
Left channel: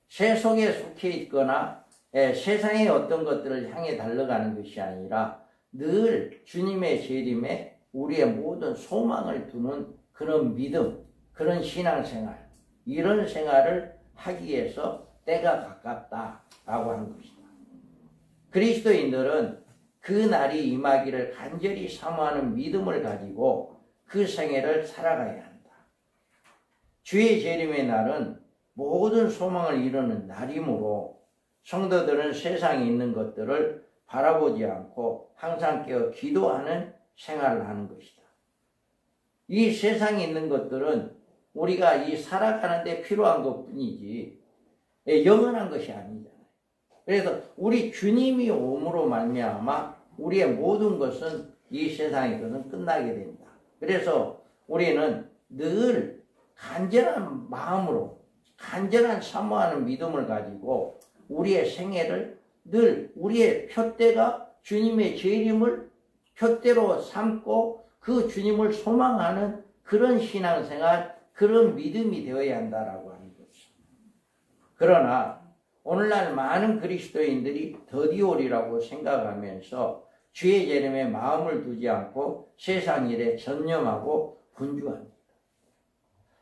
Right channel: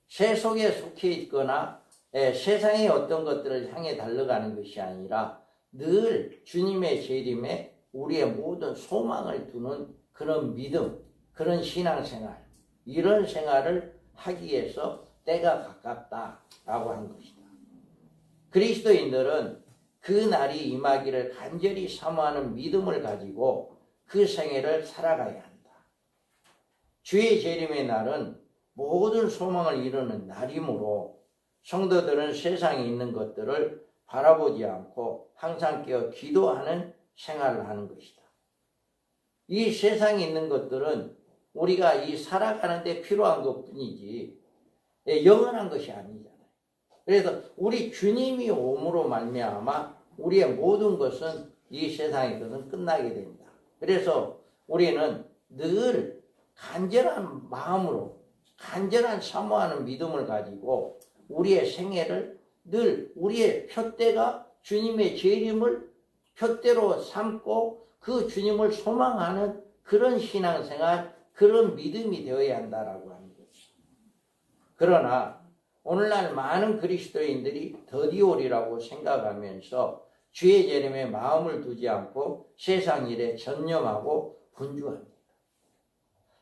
세속에 속해 있거나 세상의 어떤 것들을 향해 달려가는 것이 아니라 늘 주님의 재림에 우리의 모든 소망을 두는 그런 믿음, 그런 신앙생활, 이런 생활을 하기 위해서 때가 가깝다라고 하는 것이다. 그리스도인들은 그 날이 임하기를 간절히 사모하는 믿음을 가지고 그 생애를 살아가야 한다. 주의 재림의 날은 모든 소망을 이루는 날이므로 성도들은 세상에 있는 것들을 바라보지 않고 항상 깨어 기도하는 생활을 하는 것이다. 이 세상에 있는 것들은 우리가 이 살아가는 데 필요한 것뿐이지 영원한 것이 아니잖아요. 그래서 우리 주님이 오므로 말미암아 우리의 모든 것은 이 세상에서는 끝나게 된다. 그래서 우리는 늘 간절한 마음으로 간절한 사모하는 믿음을 가지고 우리의 생애를 늘 우리의 표대가 주님의 재림을 표대로 삼고 그 주님을 소망하는 그런 신앙생활, 그런 믿음이 되어야 한다라고 하는 거죠. 그러나 오늘날 많은 그리스도인들이 더디오리라고 생각하면서 주의 재림에 마음을 두지 않고 세상 일에 전념하고 분주합니다.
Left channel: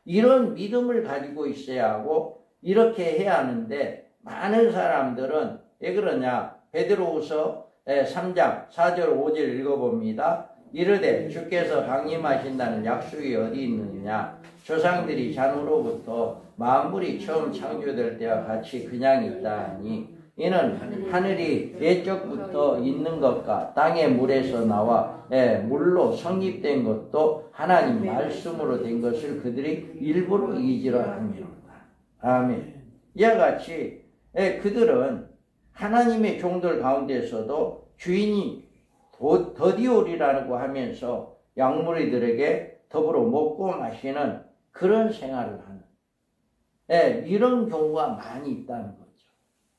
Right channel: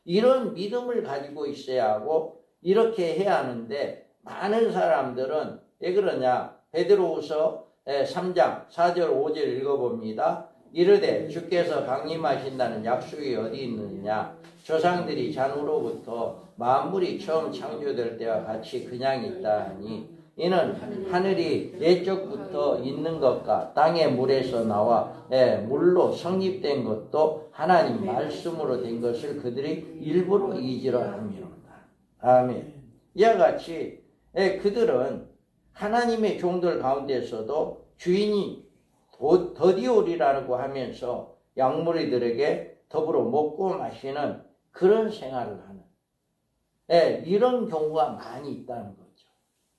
이런 믿음을 가지고 있어야 하고 이렇게 해야 하는데 많은 사람들은 왜 그러냐? 베드로후서 3장 4절 5절 읽어봅니다. 이르되 주께서 강림하신다는 약속이 어디 있느냐? 조상들이 잔으로부터 만물이 처음 창조될 때와 같이 그냥 있다 하니 이는 하늘이 예적부터 있는 것과 땅의 물에서 나와 물로 성립된 것도 하나님 말씀으로 된 것을 그들이 일부러 잊으려 합니다. 아멘. 이와 같이 그들은 하나님의 종들 가운데서도 주인이 더디오리라고 하면서 양무리들에게 더불어 먹고 마시는 그런 생활을 하는 이런 경우가 많이 있다는 거죠.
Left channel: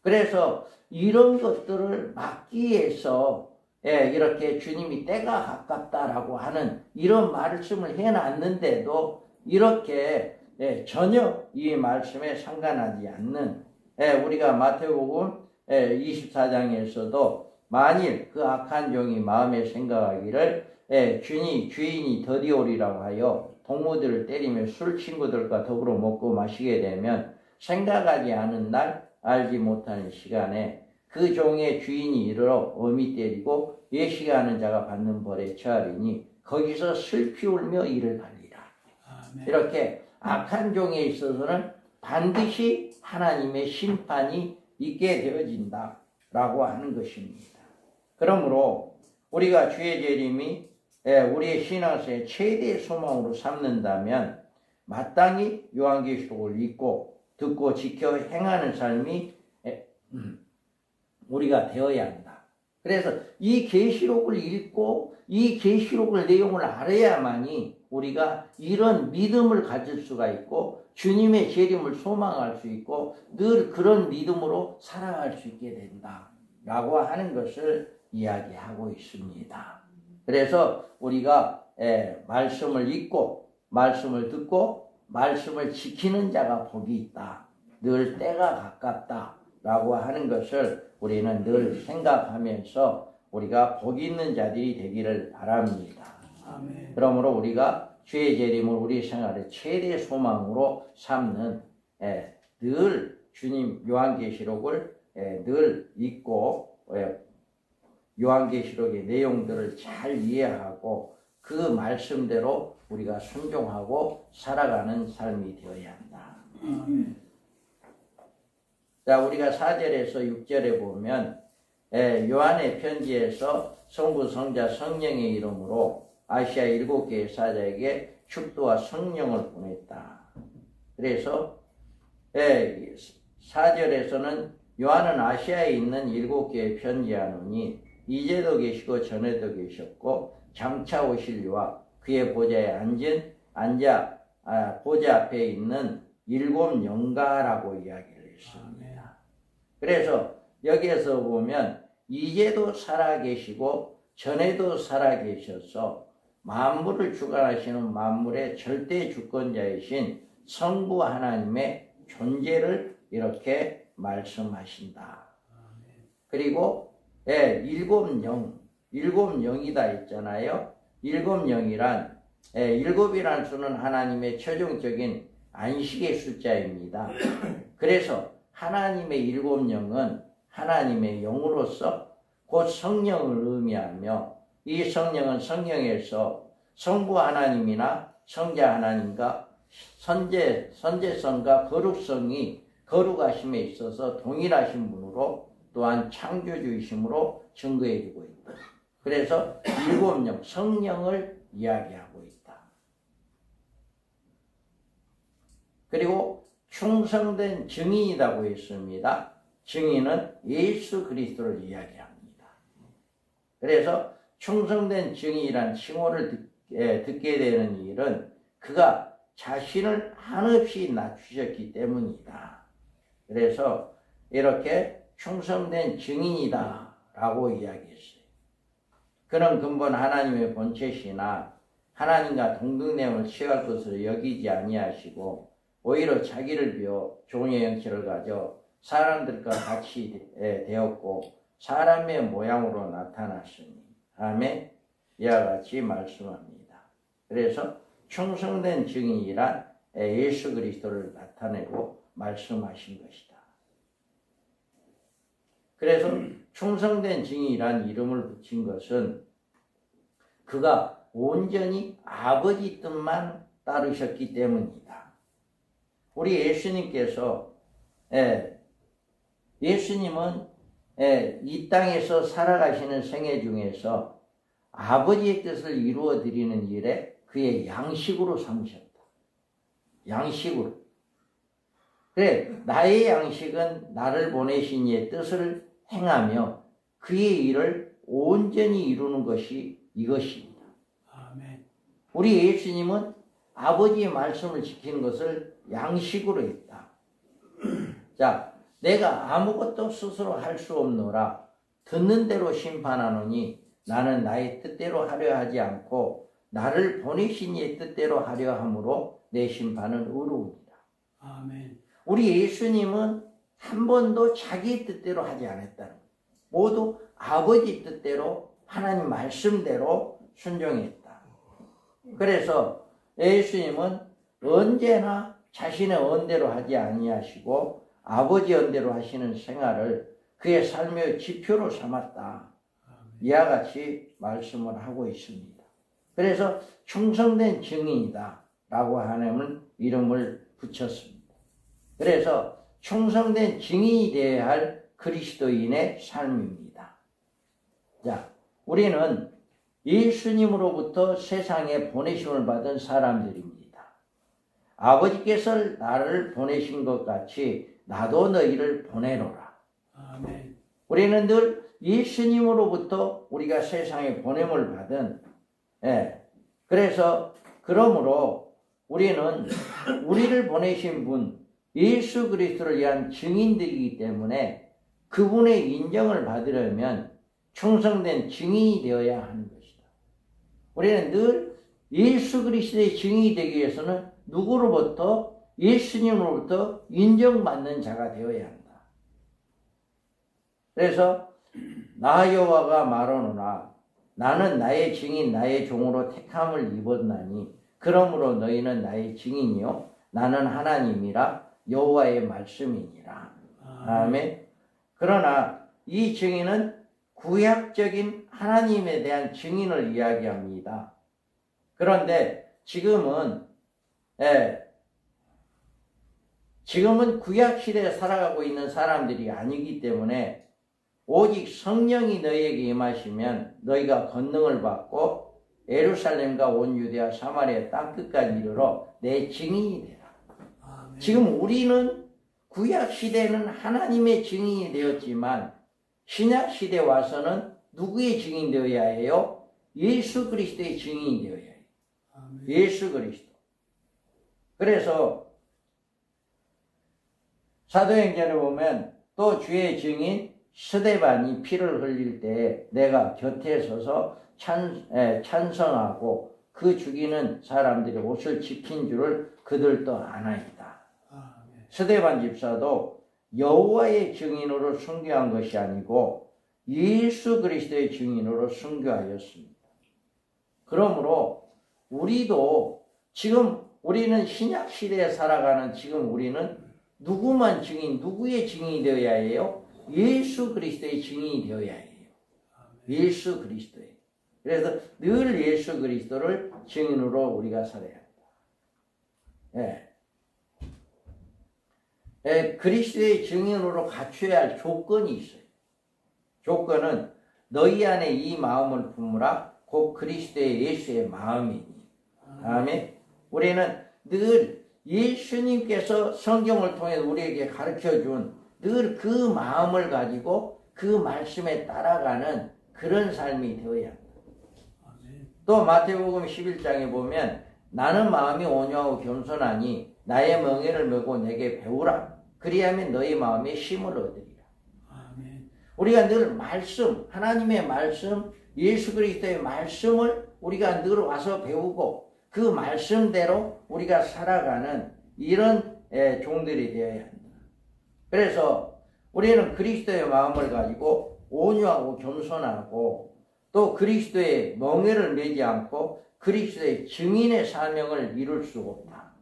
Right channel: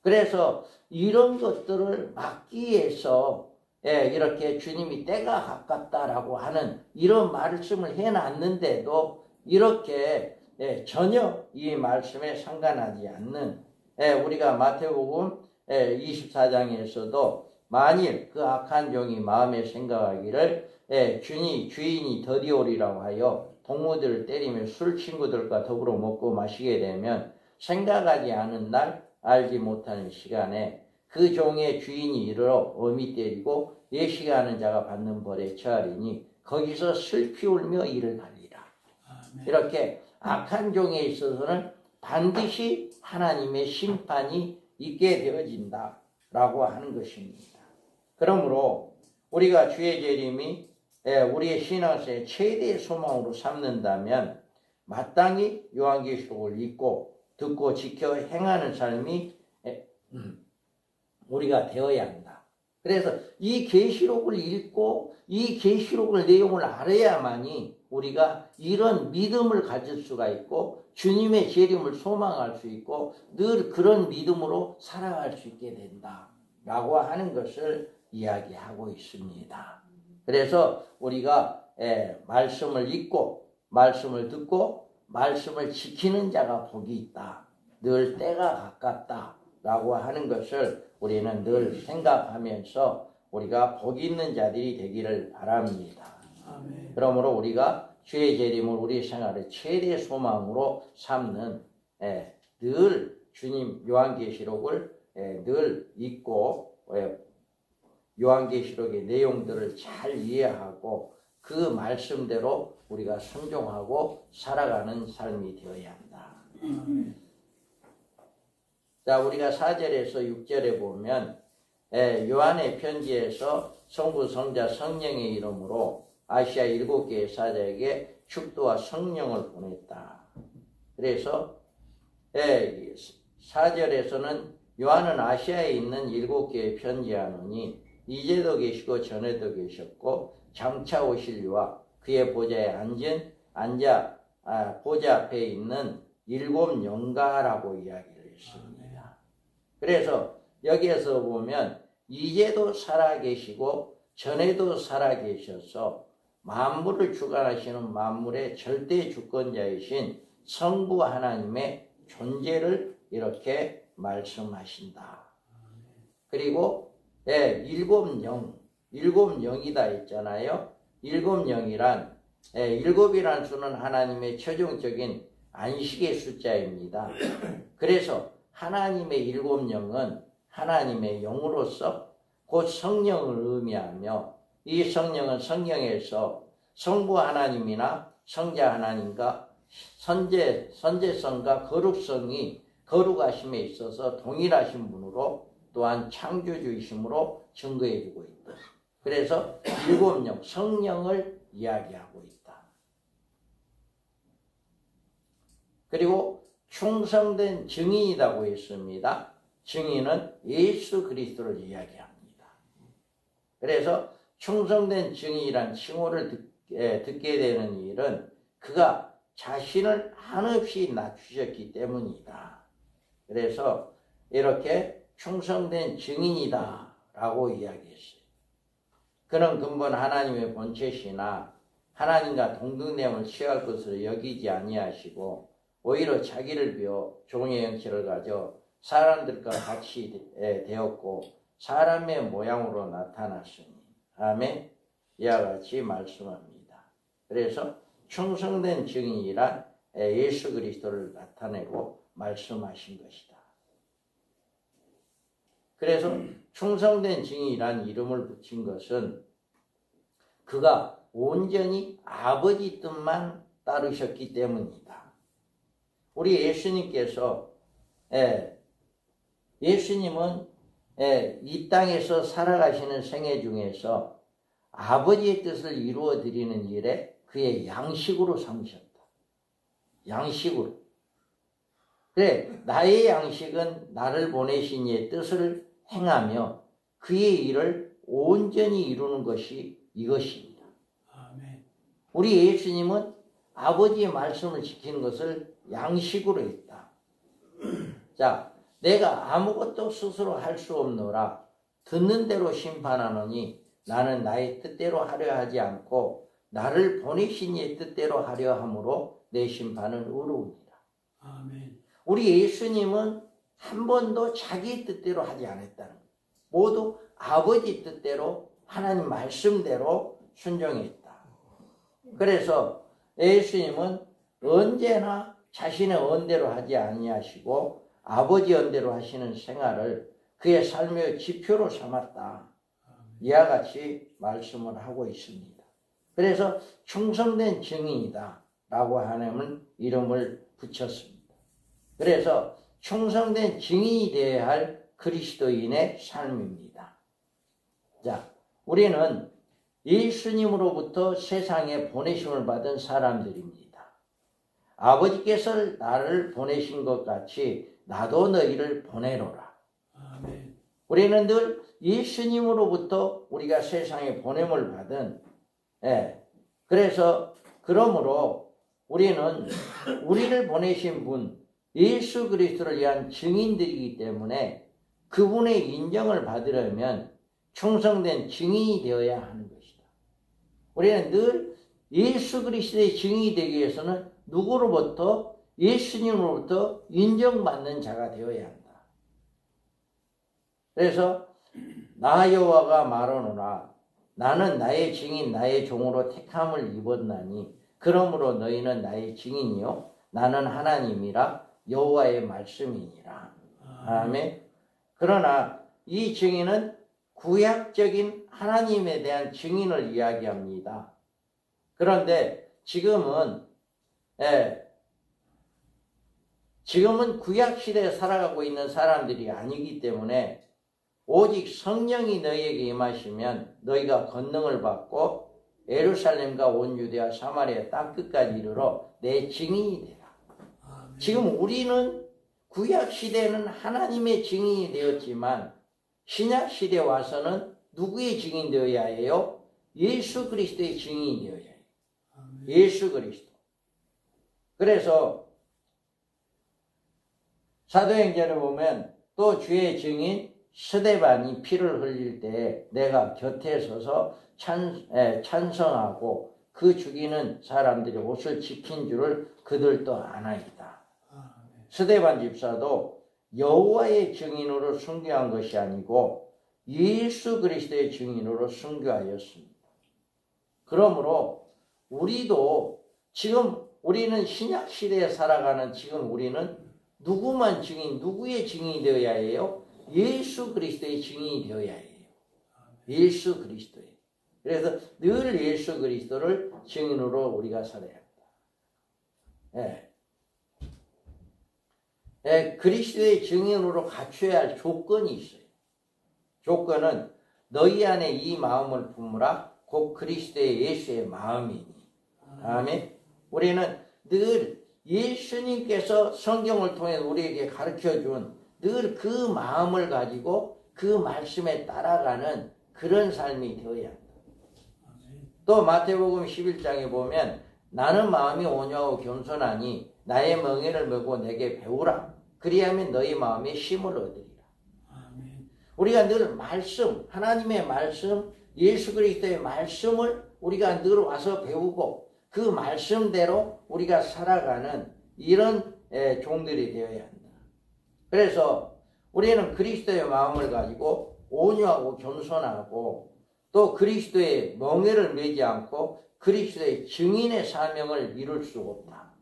그래서 이런 것들을 막기 위해서 이렇게 주님이 때가 가깝다라고 하는 이런 말씀을 해놨는데도 이렇게 전혀 이 말씀에 상관하지 않는 우리가 마태복음 24장에서도 만일 그 악한 종이 마음에 생각하기를 주인이 더디오리라고 하여 동무들을 때리며 술 친구들과 더불어 먹고 마시게 되면 생각하지 않은 날 알지 못하는 시간에 그 종의 주인이 이르러 엄히 때리고 예식하는 자가 받는 벌에 처하리니 거기서 슬피 울며 이를 갈리라. 아멘. 이렇게 악한 종에 있어서는 반드시 하나님의 심판이 있게 되어진다 라고 하는 것입니다. 그러므로 우리가 주의 재림이 우리의 신앙생의 최대의 소망으로 삼는다면 마땅히 요한계시록을 읽고 듣고 지켜 행하는 삶이 우리가 되어야 한다. 그래서 이 계시록을 읽고 이 계시록을 내용을 알아야만이 우리가 이런 믿음을 가질 수가 있고 주님의 재림을 소망할 수 있고 늘 그런 믿음으로 살아갈 수 있게 된다라고 하는 것을 이야기하고 있습니다. 그래서 우리가 말씀을 읽고 말씀을 듣고 말씀을 지키는 자가 복이 있다. 늘 때가 가깝다라고 하는 것을 우리는 늘 생각하면서 우리가 복 있는 자들이 되기를 바랍니다. 아멘. 그러므로 우리가 주의 재림을 우리 생활의 최대 소망으로 삼는 늘 주님 요한계시록을 늘 읽고 요한계시록의 내용들을 잘 이해하고 그 말씀대로 우리가 순종하고 살아가는 삶이 되어야 한다. 자, 우리가 4절에서 6절에 보면 요한의 편지에서 성부, 성자, 성령의 이름으로 아시아 7개의 사자에게 축도와 성령을 보냈다. 그래서 4절에서는 요한은 아시아에 있는 7개에 편지하노니 이제도 계시고 전에도 계셨고 장차 오실 이와 그의 보좌에 보좌 앞에 있는 7 영가라고 이야기를 했습니다. 그래서 여기에서 보면 이제도 살아계시고 전에도 살아계셔서 만물을 주관하시는 만물의 절대 주권자이신 성부 하나님의 존재를 이렇게 말씀하신다. 그리고 일곱 영이다 했잖아요. 일곱 영이란 일곱이라는 수는 하나님의 최종적인 안식의 숫자입니다. 그래서 하나님의 일곱 영은 하나님의 영으로서 곧 성령을 의미하며 이 성령은 성령에서 성부 하나님이나 성자 하나님과 선제성과 거룩하심에 있어서 동일하신 분으로 또한 창조주이심으로 증거해주고 있다. 그래서 일곱 영, 성령을 이야기하고 있다. 그리고 충성된 증인이라고 했습니다. 증인은 예수 그리스도를 이야기합니다. 그래서 충성된 증인이란 칭호를 듣게 되는 일은 그가 자신을 한없이 낮추셨기 때문이다. 그래서 이렇게 충성된 증인이다 라고 이야기했어요. 그는 근본 하나님의 본체시나 하나님과 동등됨을 취할 것으로 여기지 아니하시고 오히려 자기를 비워 종의 형체를 가져 사람들과 같이 되었고 사람의 모양으로 나타났으니 아멘. 이와 같이 말씀합니다. 그래서 충성된 증인이란 예수 그리스도를 나타내고 말씀하신 것이다. 그래서 충성된 증인이란 이름을 붙인 것은 그가 온전히 아버지 뜻만 따르셨기 때문이다. 우리 예수님께서 예수님은 이 땅에서 살아가시는 생애 중에서 아버지의 뜻을 이루어 드리는 일에 그의 양식으로 삼으셨다. 양식으로. 그래, 나의 양식은 나를 보내신 이의 뜻을 행하며 그의 일을 온전히 이루는 것이 이것입니다. 아멘. 우리 예수님은 아버지의 말씀을 지키는 것을 양식으로 했다. 자, 내가 아무것도 스스로 할 수 없노라. 듣는 대로 심판하노니 나는 나의 뜻대로 하려 하지 않고 나를 보내신 이의 뜻대로 하려 함으로 내 심판은 의로우니라. 아멘. 우리 예수님은 한 번도 자기 뜻대로 하지 않았다는 거예요. 모두 아버지 뜻대로 하나님 말씀대로 순종했다. 그래서 예수님은 언제나 자신의 언대로 하지 아니하시고 아버지 언대로 하시는 생활을 그의 삶의 지표로 삼았다. 이와 같이 말씀을 하고 있습니다. 그래서 충성된 증인이다 라고 하나님은 이름을 붙였습니다. 그래서 충성된 증인이 되어야 할 그리스도인의 삶입니다. 자, 우리는 예수님으로부터 세상에 보내심을 받은 사람들입니다. 아버지께서 나를 보내신 것 같이 나도 너희를 보내노라. 아멘. 우리는 늘 예수님으로부터 우리가 세상에 보냄을 받은 그래서 그러므로 우리는 우리를 보내신 분 예수 그리스도를 위한 증인들이기 때문에 그분의 인정을 받으려면 충성된 증인이 되어야 하는 것이다. 우리는 늘 예수 그리스도의 증인이 되기 위해서는 누구로부터? 예수님으로부터 인정받는 자가 되어야 한다. 그래서 나 여호와가 말하노라 나는 나의 증인 나의 종으로 택함을 입었나니 그러므로 너희는 나의 증인이요 나는 하나님이라 여호와의 말씀이니라. 아멘. 그러나 이 증인은 구약적인 하나님에 대한 증인을 이야기합니다. 그런데 지금은 구약 시대에 살아가고 있는 사람들이 아니기 때문에 오직 성령이 너희에게 임하시면 너희가 권능을 받고 예루살렘과 온 유대와 사마리아 땅끝까지 이르러 내 증인이 되라. 아멘. 지금 우리는 구약 시대에는 하나님의 증인이 되었지만 신약 시대에 와서는 누구의 증인이 되어야 해요? 예수 그리스도의 증인이 되어야 해요. 아멘. 예수 그리스도. 그래서 사도행전을 보면 또 주의 증인 스데반이 피를 흘릴 때 내가 곁에 서서 찬성하고 그 죽이는 사람들이 옷을 지킨 줄을 그들도 아나이다. 아멘. 스데반 집사도 여호와의 증인으로 순교한 것이 아니고 예수 그리스도의 증인으로 순교하였습니다. 그러므로 우리도 지금 우리는 신약 시대에 살아가는 지금 우리는 누구만 증인, 누구의 증인이 되어야 해요? 예수 그리스도의 증인이 되어야 해요. 예수 그리스도의. 그래서 늘 예수 그리스도를 증인으로 우리가 살아야 한다. 그리스도의 증인으로 갖춰야 할 조건이 있어요. 조건은 너희 안에 이 마음을 품으라 곧 그리스도의 예수의 마음이니. 아멘. 우리는 늘 예수님께서 성경을 통해 우리에게 가르쳐준 늘 그 마음을 가지고 그 말씀에 따라가는 그런 삶이 되어야 합니다. 또 마태복음 11장에 보면 나는 마음이 온유하고 겸손하니 나의 멍에를 메고 내게 배우라. 그리하면 너희 마음에 힘을 얻으리라. 우리가 늘 말씀, 하나님의 말씀, 예수 그리스도의 말씀을 우리가 늘 와서 배우고 그 말씀대로 우리가 살아가는 이런 종들이 되어야 한다. 그래서 우리는 그리스도의 마음을 가지고 온유하고 겸손하고 또 그리스도의 멍에를 매지 않고 그리스도의 증인의 사명을 이룰 수 없다.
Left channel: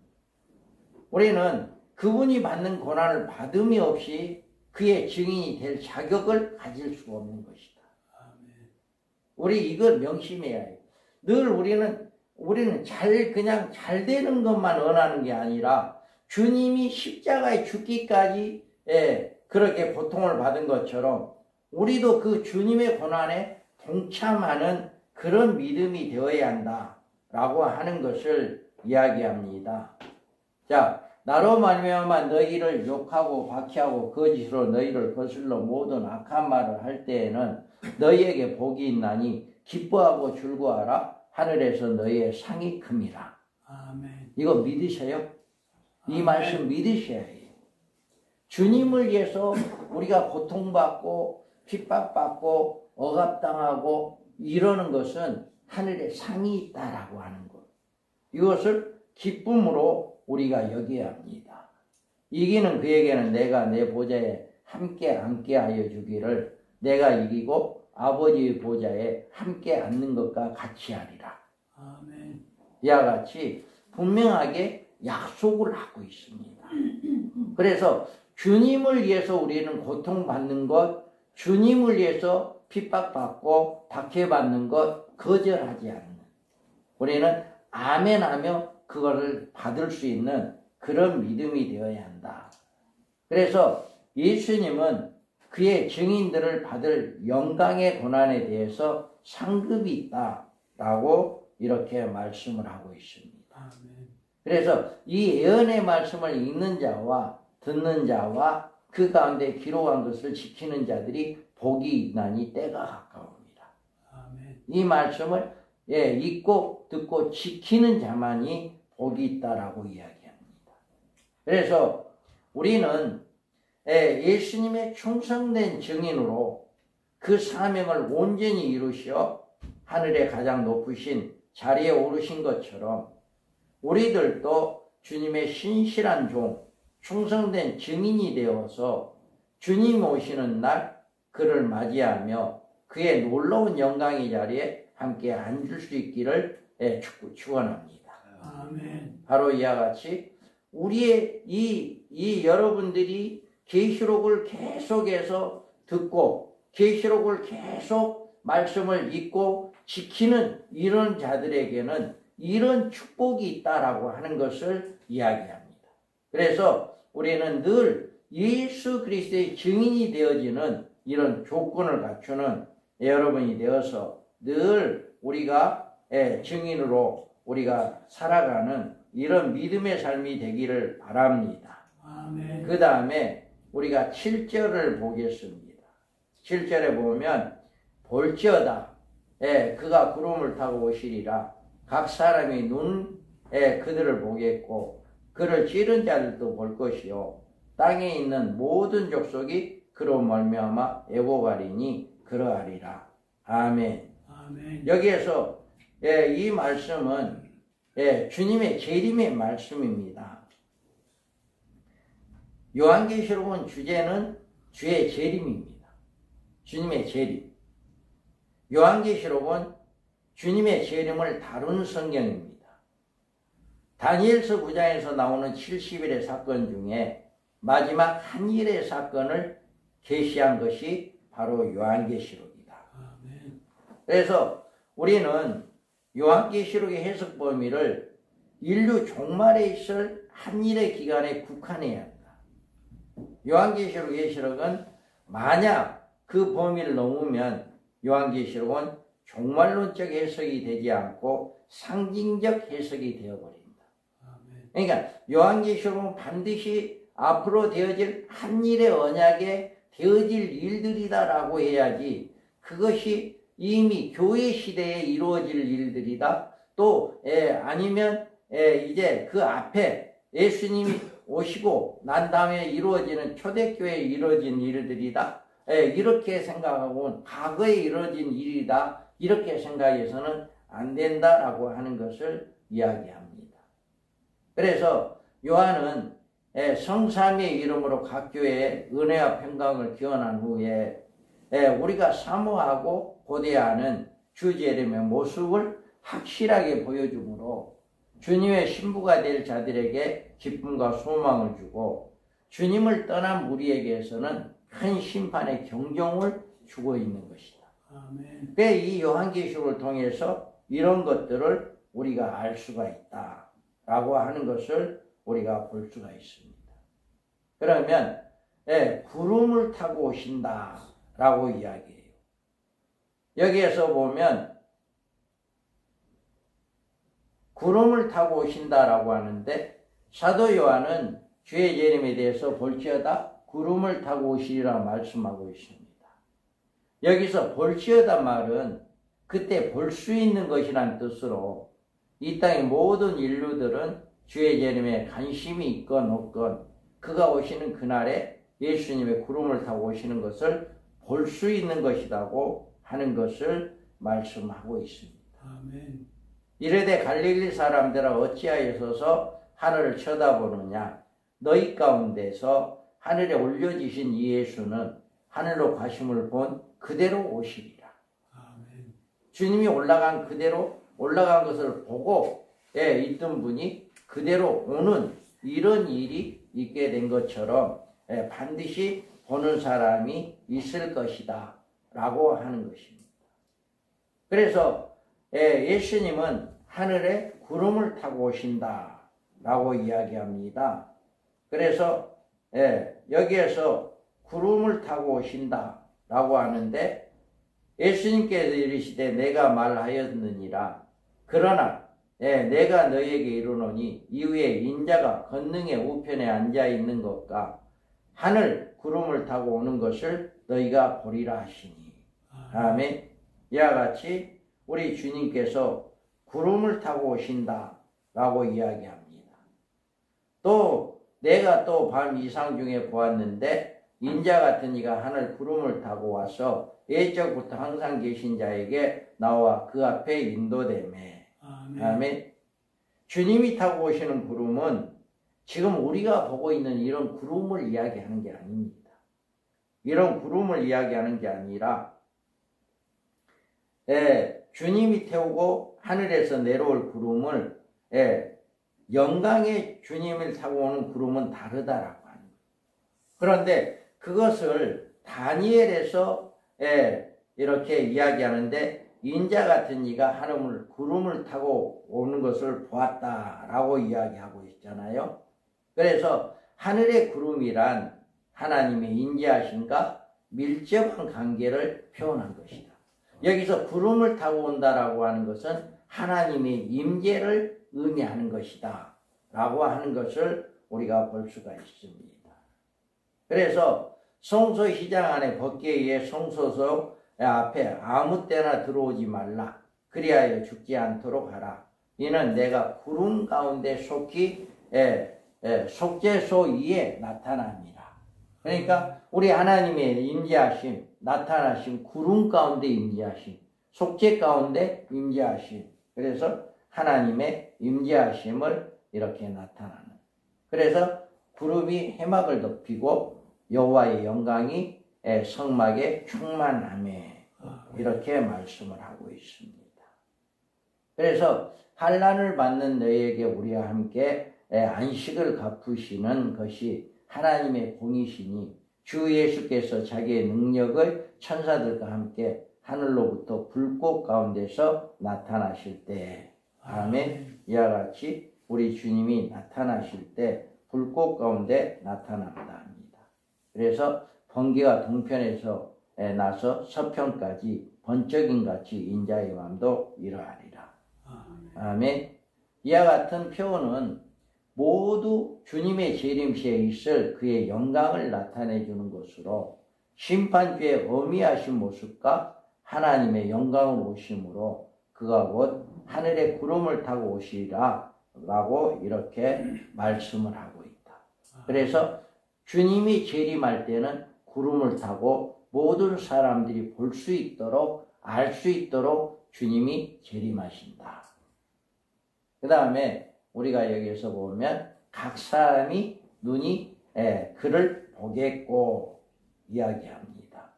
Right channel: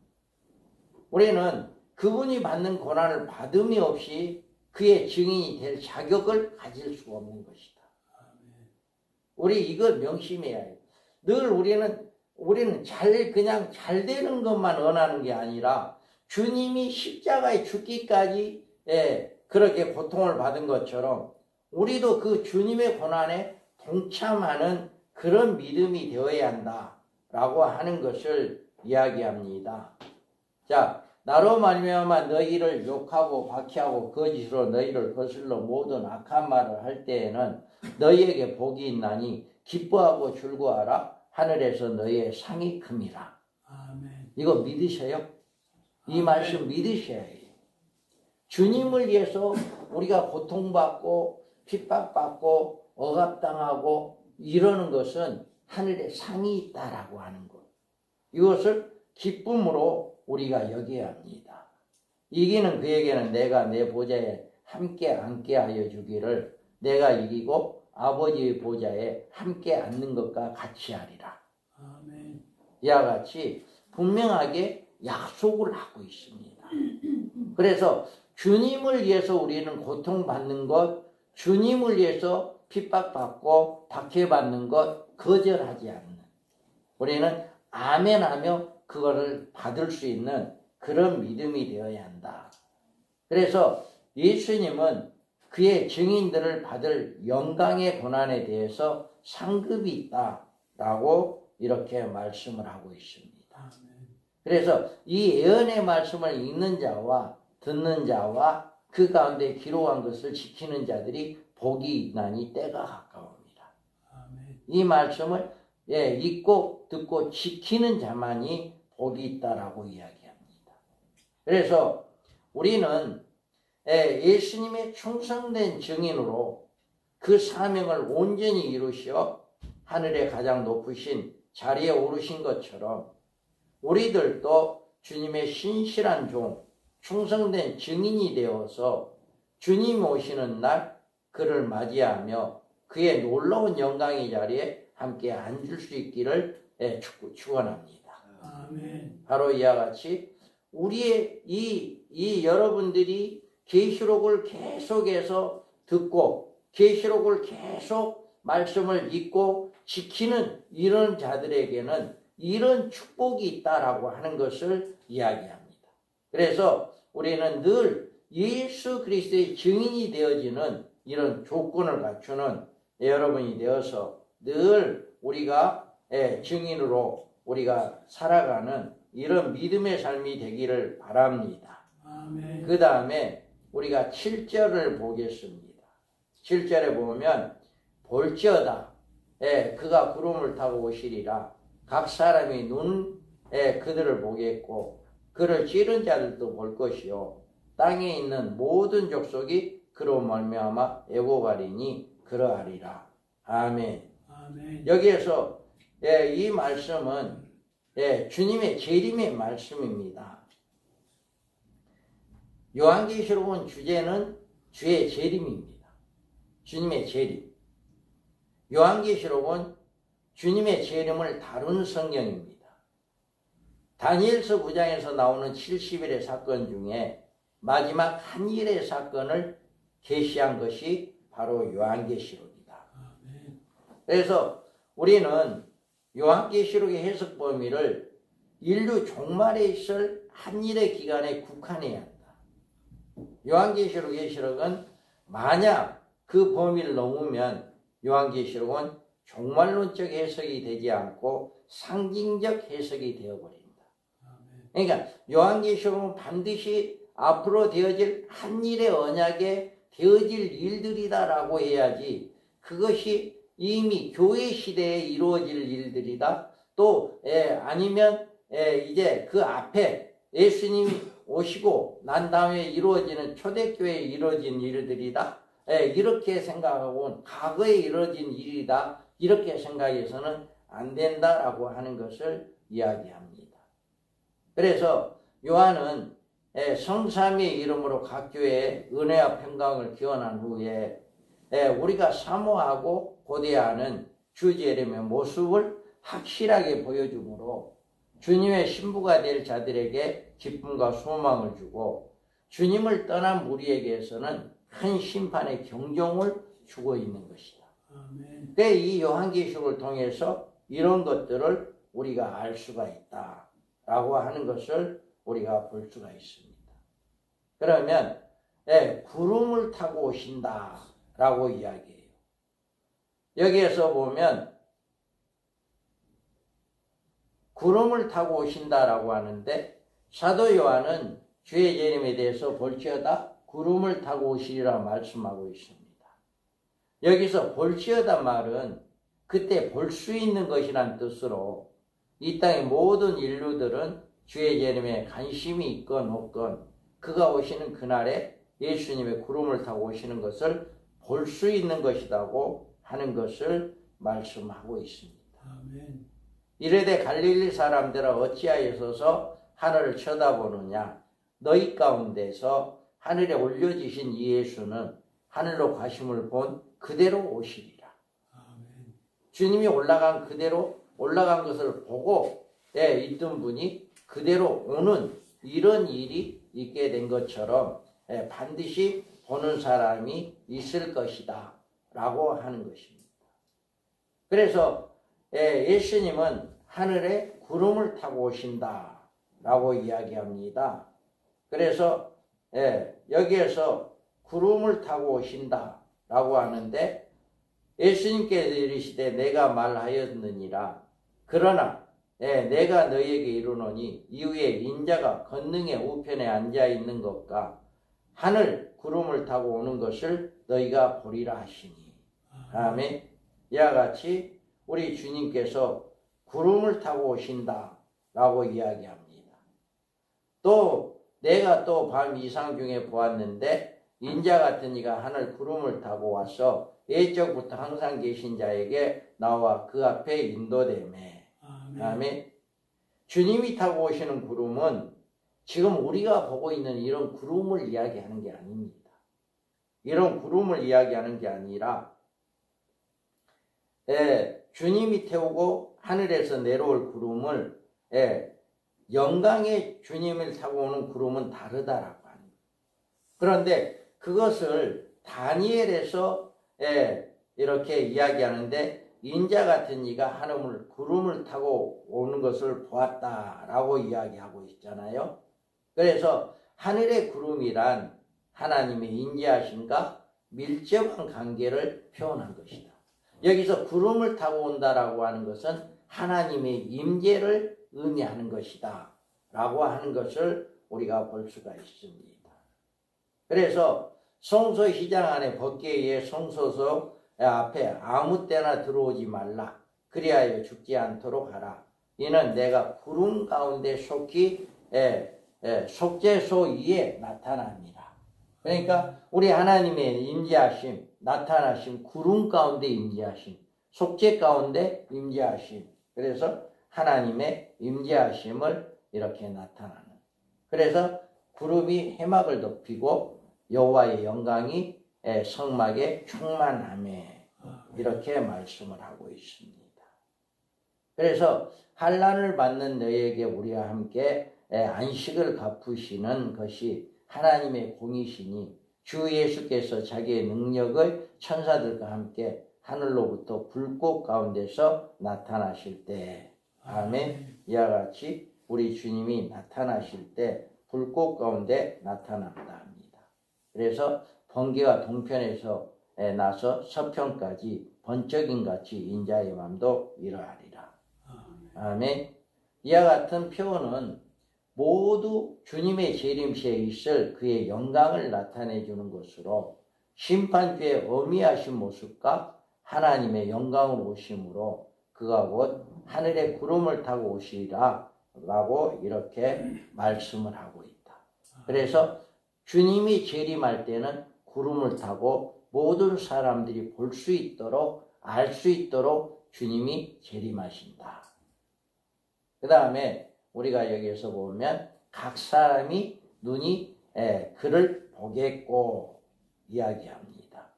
우리는 그분이 받는 고난을 받음이 없이 그의 증인이 될 자격을 가질 수가 없는 것이다. 우리 이걸 명심해야 해요. 늘 우리는 그냥 잘 되는 것만 원하는 게 아니라 주님이 십자가에 죽기까지 그렇게 고통을 받은 것처럼 우리도 그 주님의 고난에 동참하는 그런 믿음이 되어야 한다라고 하는 것을 이야기합니다. 자, 나로 말미암아 너희를 욕하고 박해하고 거짓으로 너희를 거슬러 모든 악한 말을 할 때에는 너희에게 복이 있나니 기뻐하고 즐거워하라. 하늘에서 너희의 상이 큼이라. 아멘. 이거 믿으세요? 이 말씀 믿으셔야 해요. 주님을 위해서 우리가 고통받고 핍박받고 억압당하고 이러는 것은 하늘에 상이 있다라고 하는 것. 이것을 기쁨으로 우리가 여겨야 합니다. 이기는 그에게는 내가 내 보좌에 함께 앉게 하여 주기를 내가 이기고 아버지의 보좌에 함께 앉는 것과 같이 하리라. 아멘. 이와 같이 분명하게 약속을 하고 있습니다. 그래서 주님을 위해서 우리는 고통받는 것, 주님을 위해서 핍박받고 박해받는 것 거절하지 않는, 우리는 아멘하며 그거를 받을 수 있는 그런 믿음이 되어야 한다. 그래서 예수님은 그의 증인들을 받을 영광의 고난에 대해서 상급이 있다라고 이렇게 말씀을 하고 있습니다. 그래서 이 예언의 말씀을 읽는 자와 듣는 자와 그 가운데 기록한 것을 지키는 자들이 복이 있나니 때가 가까웁니다. 이 말씀을 읽고 듣고 지키는 자만이 복이 있다라고 이야기합니다. 그래서 우리는 예수님의 충성된 증인으로 그 사명을 온전히 이루시어 하늘의 가장 높으신 자리에 오르신 것처럼 우리들도 주님의 신실한 종, 충성된 증인이 되어서 주님 오시는 날 그를 맞이하며 그의 놀라운 영광의 자리에 함께 앉을 수 있기를 축원합니다. 아멘. 바로 이와 같이 우리의 이 여러분들이 계시록을 계속해서 듣고 계시록을 계속 말씀을 읽고 지키는 이런 자들에게는 이런 축복이 있다라고 하는 것을 이야기합니다. 그래서 우리는 늘 예수 그리스도의 증인이 되어지는 이런 조건을 갖추는 여러분이 되어서 늘 우리가 증인으로 우리가 살아가는 이런 믿음의 삶이 되기를 바랍니다. 아멘. 그 다음에 우리가 7절을 보겠습니다. 7절에 보면 볼지어다 그가 구름을 타고 오시리라. 각 사람이 눈에 그들을 보겠고 그를 찌른 자들도 볼 것이요 땅에 있는 모든 족속이 그로 말미암아 애고가리니 그러하리라. 아멘. 아멘. 여기에서 이 말씀은 주님의 재림의 말씀입니다. 요한계시록은 주제는 주의 재림입니다. 주님의 재림. 요한계시록은 주님의 재림을 다루는 성경입니다. 다니엘서 9장에서 나오는 70일의 사건 중에 마지막 한 일의 사건을 계시한 것이 바로 요한계시록이다. 그래서 우리는 요한계시록의 해석 범위를 인류 종말에 있을 한 일의 기간에 국한해야 한다. 요한계시록은 만약 그 범위를 넘으면 요한계시록은 종말론적 해석이 되지 않고 상징적 해석이 되어버립니다. 그러니까 요한계시록은 반드시 앞으로 되어질 한 일의 언약에 되어질 일들이다라고 해야지 그것이 이미 교회 시대에 이루어질 일들이다. 또 아니면 이제 그 앞에 예수님이 오시고 난 다음에 이루어지는 초대교회에 이루어진 일들이다. 이렇게 생각하고 과거에 이루어진 일이다. 이렇게 생각해서는 안 된다라고 하는 것을 이야기합니다. 그래서 요한은 성삼위의 이름으로 각 교회에 은혜와 평강을 기원한 후에 우리가 사모하고 고대하는 주 재림의 모습을 확실하게 보여주므로 주님의 신부가 될 자들에게 기쁨과 소망을 주고 주님을 떠난 우리에게서는 큰 심판의 경종을 주고 있는 것이다. 그래서 이 요한계시록을 통해서 이런 것들을 우리가 알 수가 있다라고 하는 것을 우리가 볼 수가 있습니다. 그러면 구름을 타고 오신다라고 이야기해요. 여기에서 보면 구름을 타고 오신다라고 하는데 사도 요한은 주의 재림에 대해서 볼지어다 구름을 타고 오시리라 말씀하고 있습니다. 여기서 볼지어다 말은 그때 볼 수 있는 것이란 뜻으로 이 땅의 모든 인류들은 주의 재림에 관심이 있건 없건 그가 오시는 그날에 예수님의 구름을 타고 오시는 것을 볼 수 있는 것이라고 하는 것을 말씀하고 있습니다. 아멘. 이르되 갈릴리 사람들아 어찌하여서 하늘을 쳐다보느냐 너희 가운데서 하늘에 올려지신 이 예수는 하늘로 가심을 본 그대로 오시리라. 아멘. 주님이 올라간 그대로 올라간 것을 보고 있던 분이 그대로 오는 이런 일이 있게 된 것처럼 반드시 보는 사람이 있을 것이다 라고 하는 것입니다. 그래서 예수님은 하늘에 구름을 타고 오신다 라고 이야기합니다. 그래서 여기에서 구름을 타고 오신다 라고 하는데 예수님께서 이르시되 내가 말하였느니라. 그러나 내가 너희에게 이르노니 이후에 인자가 권능의 우편에 앉아있는 것과 하늘 구름을 타고 오는 것을 너희가 보리라 하시니. 아멘. 이와 같이 우리 주님께서 구름을 타고 오신다 라고 이야기합니다. 또 내가 또 밤 이상 중에 보았는데 인자 같은 이가 하늘 구름을 타고 와서 예적부터 항상 계신 자에게 나와 그 앞에 인도되매. 아멘. 주님이 타고 오시는 구름은 지금 우리가 보고 있는 이런 구름을 이야기하는 게 아닙니다. 이런 구름을 이야기하는 게 아니라 주님이 태우고 하늘에서 내려올 구름을 영광의 주님을 타고 오는 구름은 다르다라고 하는 거예요. 그런데 그것을 다니엘에서 이렇게 이야기하는데 인자 같은 이가 하늘 구름을 타고 오는 것을 보았다라고 이야기하고 있잖아요. 그래서 하늘의 구름이란 하나님의 인자하심과 밀접한 관계를 표현한 것이다. 여기서 구름을 타고 온다라고 하는 것은 하나님의 임재를 의미하는 것이다 라고 하는 것을 우리가 볼 수가 있습니다. 그래서 성소시장 안에 벗기에 의해 성소석 앞에 아무 때나 들어오지 말라. 그리하여 죽지 않도록 하라. 이는 내가 구름 가운데 속히 속죄소 위에 나타납니다. 그러니까 우리 하나님의 임재하심, 나타나심, 구름 가운데 임재하심, 속죄 가운데 임재하심. 그래서 하나님의 임재하심을 이렇게 나타나는. 그래서 구름이 해막을 덮이고 여호와의 영광이 성막에 충만하매 이렇게 말씀을 하고 있습니다. 그래서 환난을 받는 너희에게 우리와 함께 안식을 갚으시는 것이 하나님의 공이시니 주 예수께서 자기의 능력을 천사들과 함께 하늘로부터 불꽃 가운데서 나타나실 때 아멘. 이와 같이 우리 주님이 나타나실 때 불꽃 가운데 나타난다 합니다. 그래서 번개가 동편에서 나서 서편까지 번쩍임 같이 인자의 맘도 이러하리라. 아멘. 이와 같은 표현은 모두 주님의 재림시에 있을 그의 영광을 나타내 주는 것으로 심판주의 어미하신 모습과 하나님의 영광으로 오심으로 그가 곧 하늘의 구름을 타고 오시리라 라고 이렇게 말씀을 하고 있다. 그래서 주님이 재림할 때는 구름을 타고 모든 사람들이 볼 수 있도록 알 수 있도록 주님이 재림하신다. 그 다음에 우리가 여기에서 보면 각 사람이 눈이 그를 보겠고 이야기합니다.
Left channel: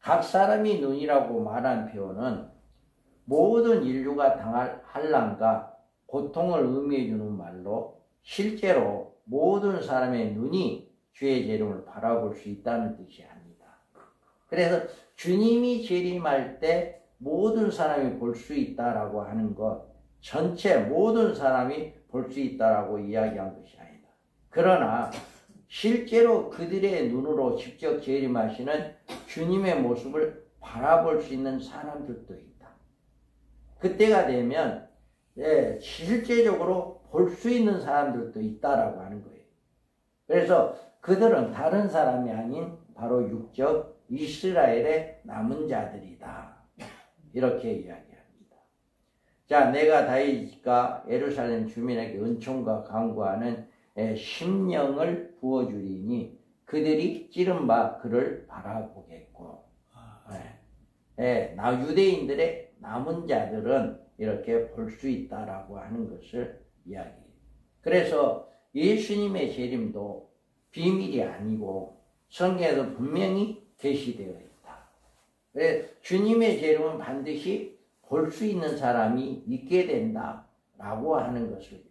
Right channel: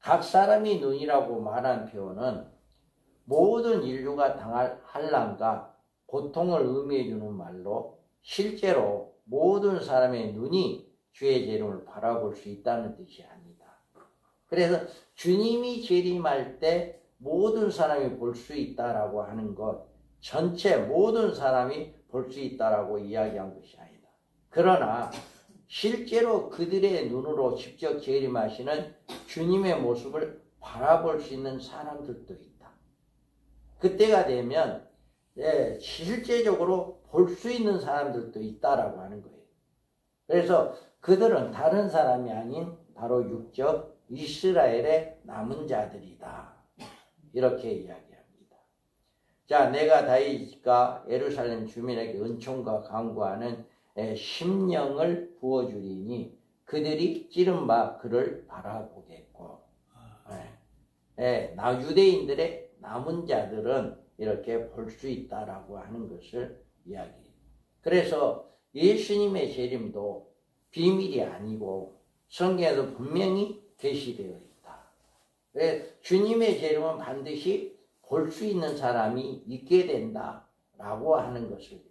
각 사람이 눈이라고 말한 표현은 모든 인류가 당할 환난과 고통을 의미해 주는 말로 실제로 모든 사람의 눈이 주의 재림을 바라볼 수 있다는 뜻이 아니다. 그래서 주님이 재림할 때 모든 사람이 볼 수 있다라고 하는 것, 전체 모든 사람이 볼 수 있다라고 이야기한 것이 아니다. 그러나 실제로 그들의 눈으로 직접 재림하시는 주님의 모습을 바라볼 수 있는 사람들도 있다. 그때가 되면 실제적으로 볼 수 있는 사람들도 있다라고 하는 거예요. 그래서 그들은 다른 사람이 아닌 바로 육적 이스라엘의 남은 자들이다. 이렇게 이야기합니다. 자, 내가 다윗과 예루살렘 주민에게 은총과 강구하는 심령을 부어주리니 그들이 찌른 바 그를 바라보겠고 유대인들의 남은 자들은 이렇게 볼 수 있다라고 하는 것을 이야기해요. 그래서 예수님의 재림도 비밀이 아니고 성경에도 분명히 계시되어 있다. 주님의 재림은 반드시 볼 수 있는 사람이 있게 된다라고 하는 것을.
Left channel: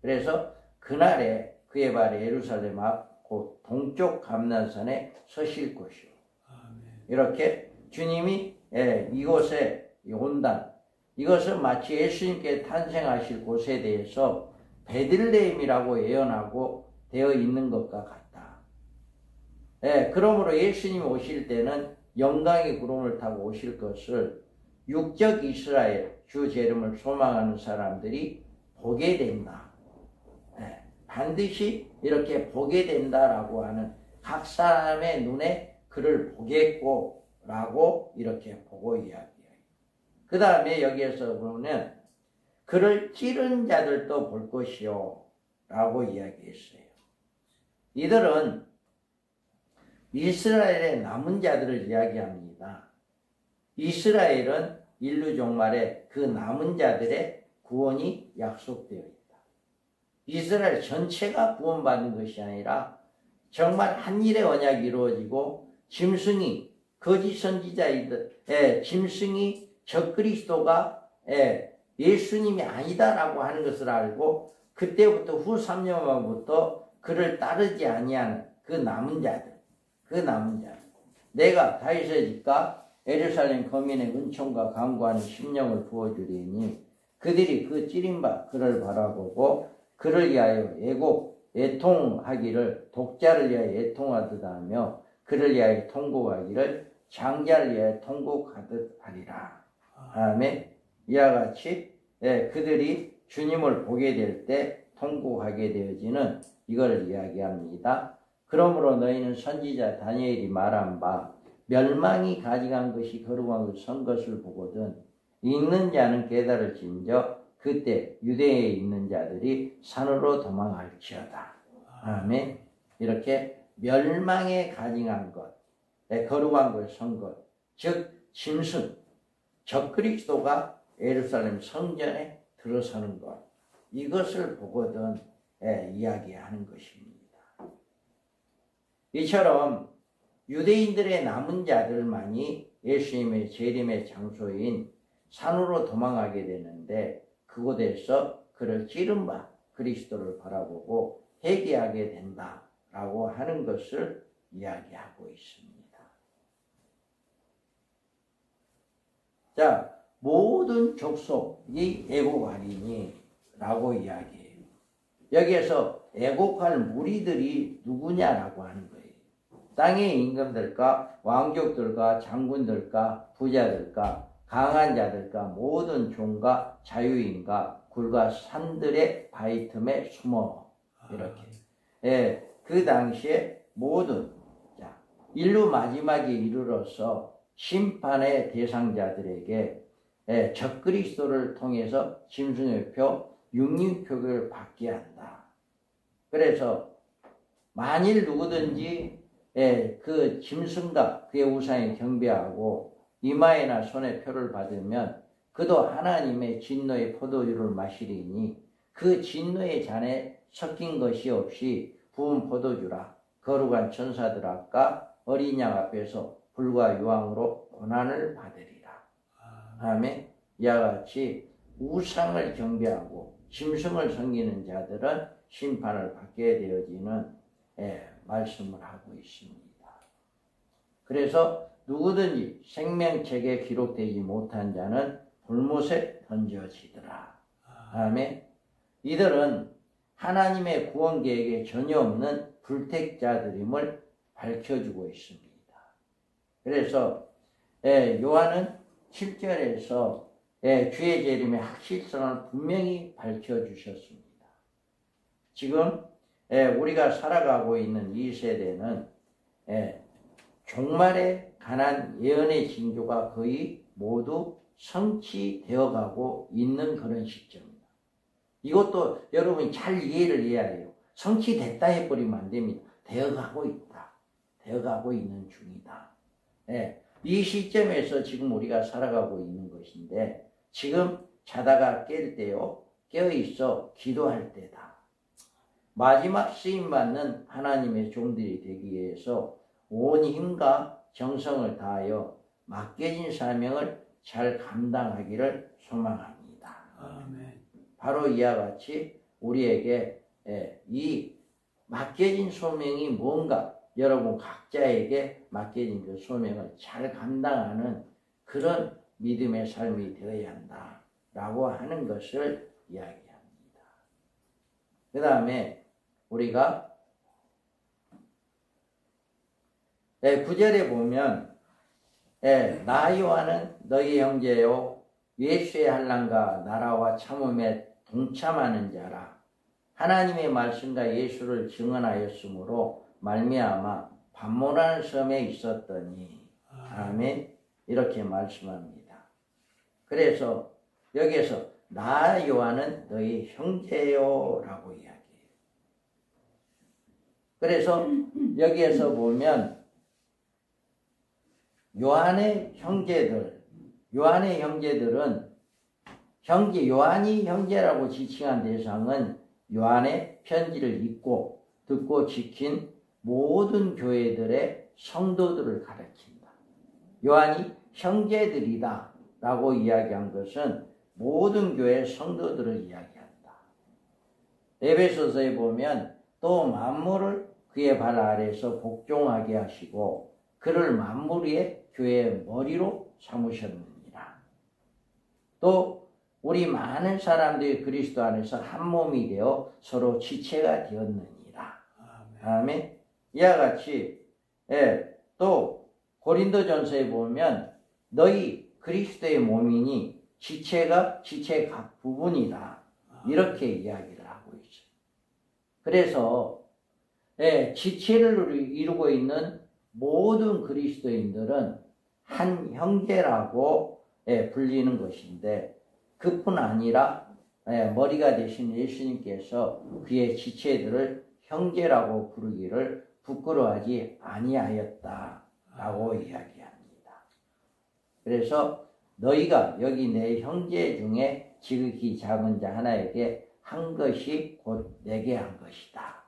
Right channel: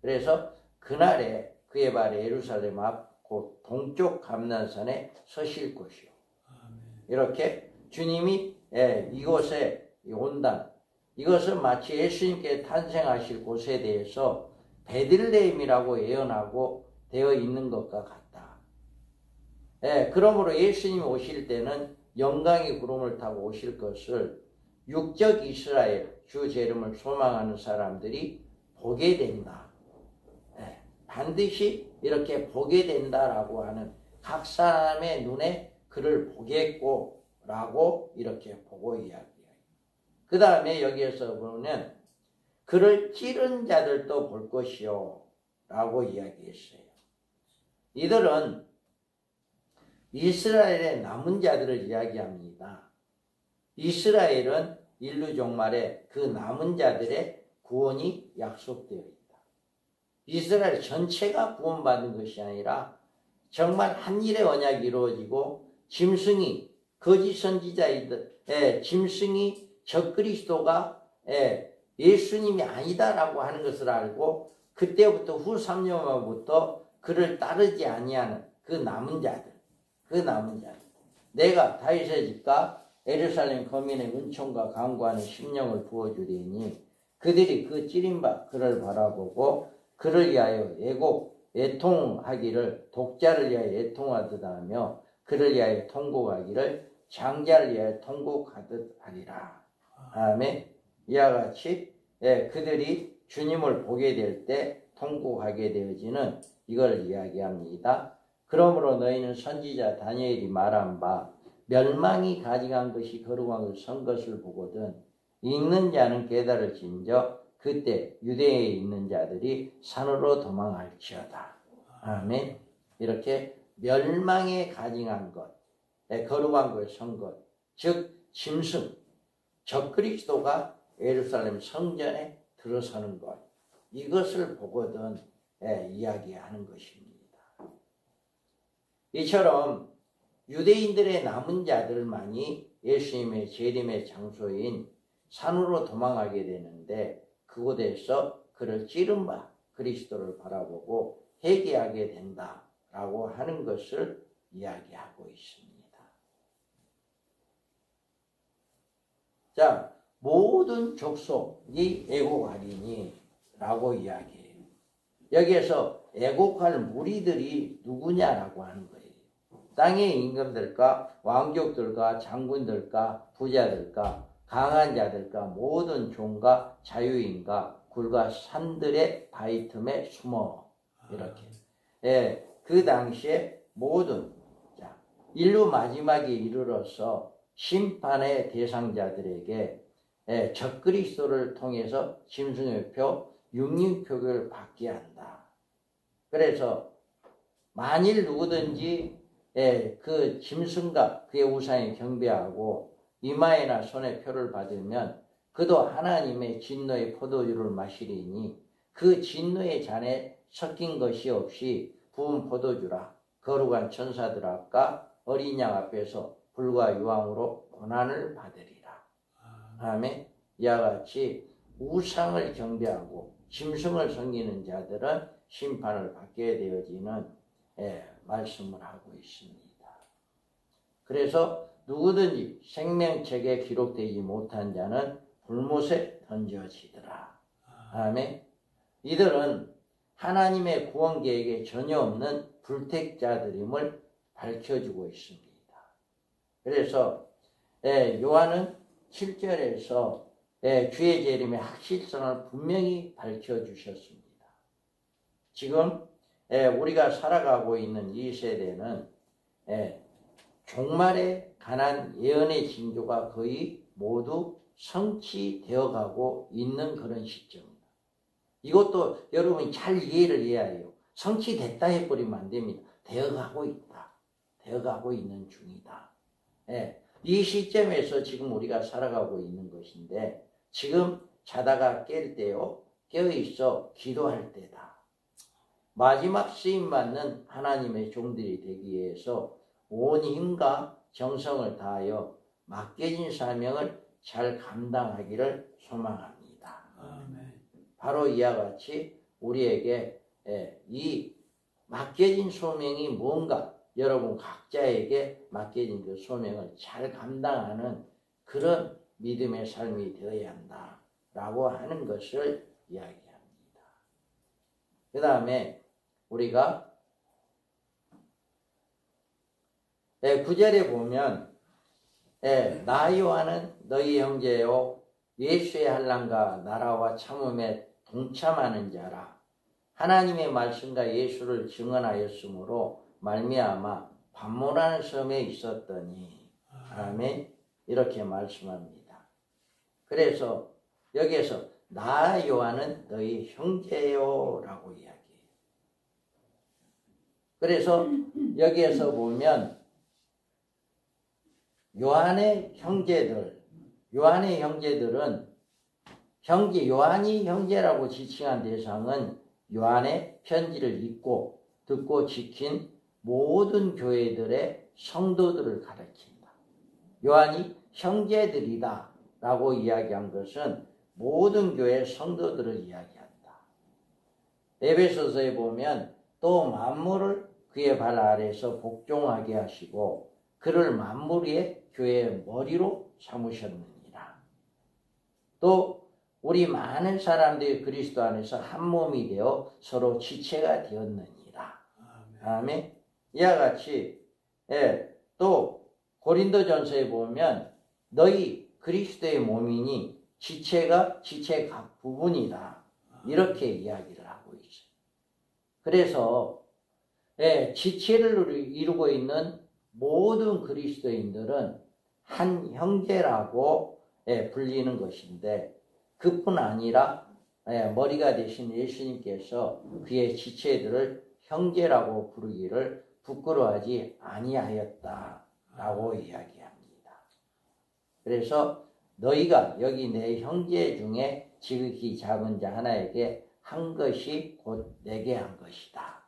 그래서 그날에 그의 발에 예루살렘 앞 곧 동쪽 감난산에 서실 것이요. 이렇게 주님이 이곳에 온다. 이것은 마치 예수님께 탄생하실 곳에 대해서 베들레헴이라고 예언하고 되어 있는 것과 같다. 그러므로 예수님이 오실 때는 영광의 구름을 타고 오실 것을 육적 이스라엘 주 재림을 소망하는 사람들이 보게 된다. 반드시 이렇게 보게 된다라고 하는 각 사람의 눈에 그를 보겠고 라고 이렇게 보고 이야기해요. 그 다음에 여기에서 보면 그를 찌른 자들도 볼 것이요 라고 이야기했어요. 이들은 이스라엘의 남은 자들을 이야기합니다. 이스라엘은 인류 종말에 그 남은 자들의 구원이 약속되어 있다. 이스라엘 전체가 구원받는 것이 아니라 정말 한 일의 언약이 이루어지고 짐승이 거짓 선지자이들 짐승이 적그리스도가 예수님이 아니다라고 하는 것을 알고 그때부터 후 3년만부터 그를 따르지 아니하는 그 남은 자들. 내가 다윗의 집과 예루살렘 거민의 은총과 강구하는 심령을 부어주리니 그들이 그 찌린 바 그를 바라보고 그를 위하여 애통하기를 독자를 위하여 애통하듯 하며 그를 위하여 통곡하기를 장자를 위하여 통곡하듯 하리라. 아멘. 이와 같이 그들이 주님을 보게 될 때 통곡하게 되어지는 이걸 이야기합니다. 그러므로 너희는 선지자 다니엘이 말한 바 멸망이 가져간 것이 거룩한 것을 선 것을 보거든 있는 자는 깨달을진저 그때 유대에 있는 자들이 산으로 도망할지어다. 아멘. 이렇게 멸망에 가증한 것, 거룩한 것을 선 것, 즉 짐승, 적그리스도가 예루살렘 성전에 들어서는 것, 이것을 보거든 이야기하는 것입니다. 이처럼 유대인들의 남은 자들만이 예수님의 재림의 장소인 산으로 도망하게 되는데 그곳에서 그를 찌른 바 그리스도를 바라보고 회개하게 된다라고 하는 것을 이야기하고 있습니다. 자, 모든 족속이 애곡하리니라고 이야기해요. 여기에서 애곡할 무리들이 누구냐라고 하는 거예요. 땅의 임금들과 왕족들과 장군들과 부자들과 강한 자들과 모든 종과 자유인과 굴과 산들의 바위 틈에 숨어 이렇게 그 당시에 모든 인류 마지막에 이르러서 심판의 대상자들에게 적그리스도를 통해서 짐승의 표, 육림표를 받게 한다. 그래서 만일 누구든지 그 짐승과 그의 우상에 경배하고 이마에나 손에 표를 받으면 그도 하나님의 진노의 포도주를 마시리니 그 진노의 잔에 섞인 것이 없이 부은 포도주라 거룩한 천사들 앞과 어린 양 앞에서 불과 유황으로 고난을 받으리라. 아멘. 이와 같이 우상을 경배하고 짐승을 섬기는 자들은 심판을 받게 되어지는 말씀을 하고 있습니다. 그래서 누구든지 생명책에 기록되지 못한 자는 불못에 던져지더라. 아멘. 이들은 하나님의 구원 계획에 전혀 없는 불택자들임을 밝혀주고 있습니다. 그래서 요한은 7절에서 주의 재림의 확실성을 분명히 밝혀주셨습니다. 지금 우리가 살아가고 있는 이 세대는 종말에 관한 예언의 징조가 거의 모두 성취되어 가고 있는 그런 시점입니다. 이것도 여러분이 잘 이해를 해야 해요. 성취됐다 해버리면 안 됩니다. 되어가고 있다. 되어가고 있는 중이다. 이 시점에서 지금 우리가 살아가고 있는 것인데 지금 자다가 깰 때요. 깨어있어 기도할 때다. 마지막 쓰임받는 하나님의 종들이 되기 위해서 온 힘과 정성을 다하여 맡겨진 사명을 잘 감당하기를 소망합니다. 아멘. 바로 이와 같이 우리에게 이 맡겨진 소명이 뭔가 여러분 각자에게 맡겨진 그 소명을 잘 감당하는 그런 믿음의 삶이 되어야 한다라고 하는 것을 이야기합니다. 그 다음에 우리가 9절에 보면 나 요한은 너희 형제요 예수의 한란과 나라와 참음에 동참하는 자라. 하나님의 말씀과 예수를 증언하였으므로 말미암아 반모라는 섬에 있었더니. 아멘. 이렇게 말씀합니다. 그래서 여기에서 나 요한은 너희 형제요 라고 이야기해요. 그래서 여기에서 보면 요한의 형제들은 요한이 형제라고 지칭한 대상은 요한의 편지를 읽고 듣고 지킨 모든 교회들의 성도들을 가리킨다. 요한이 형제들이다 라고 이야기한 것은 모든 교회 성도들을 이야기한다. 에베소서에 보면 또 만물을 그의 발 아래에서 복종하게 하시고 그를 만물 위에 교회의 머리로 삼으셨느니라. 또 우리 많은 사람들이 그리스도 안에서 한 몸이 되어 서로 지체가 되었느니라. 아멘. 이와 같이 또 고린도전서에 보면 너희 그리스도의 몸이니 지체의 각 부분이다. 이렇게 이야기를 하고 있어요. 그래서 지체를 이루고 있는 모든 그리스도인들은 한 형제라고 불리는 것인데 그뿐 아니라 머리가 되신 예수님께서 그의 지체들을 형제라고 부르기를 부끄러워하지 아니하였다라고 이야기합니다. 그래서 너희가 여기 내 형제 중에 지극히 작은 자 하나에게 한 것이 곧 내게 한 것이다.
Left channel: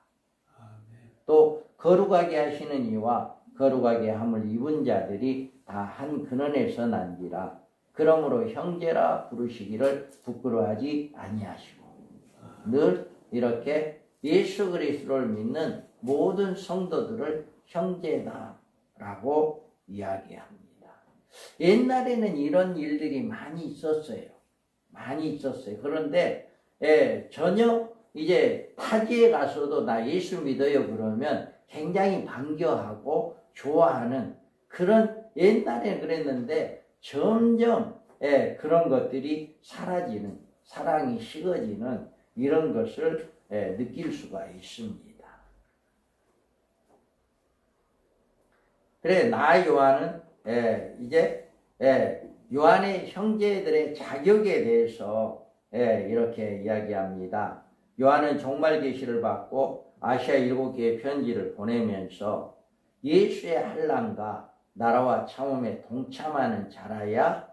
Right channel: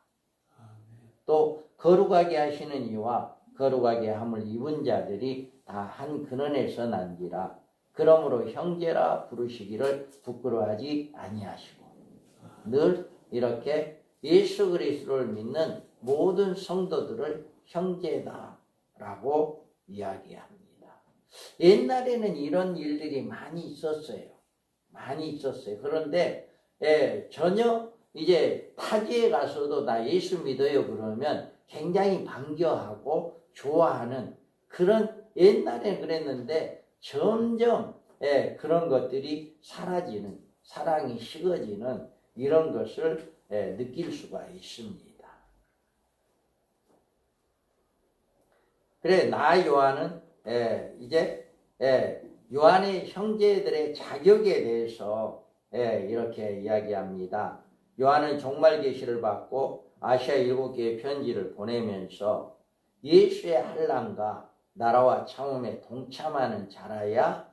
아멘. 또 거룩하게 하시는 이와 거룩하게 함을 입은 자들이 다 한 근원에서 난지라. 그러므로 형제라 부르시기를 부끄러워하지 아니하시고 늘 이렇게 예수 그리스도를 믿는 모든 성도들을 형제다라고 이야기합니다. 옛날에는 이런 일들이 많이 있었어요. 그런데 전혀 이제 타지에 가서도 나 예수 믿어요 그러면 굉장히 반겨하고 좋아하는 그런 옛날에 그랬는데 점점 그런 것들이 사라지는 사랑이 식어지는 이런 것을 느낄 수가 있습니다. 그래 나 요한은 이제 요한의 형제들의 자격에 대해서 이렇게 이야기합니다. 요한은 종말 계시를 받고 아시아 7개의 편지를 보내면서 예수의 환난과 나라와 참음에 동참하는 자라야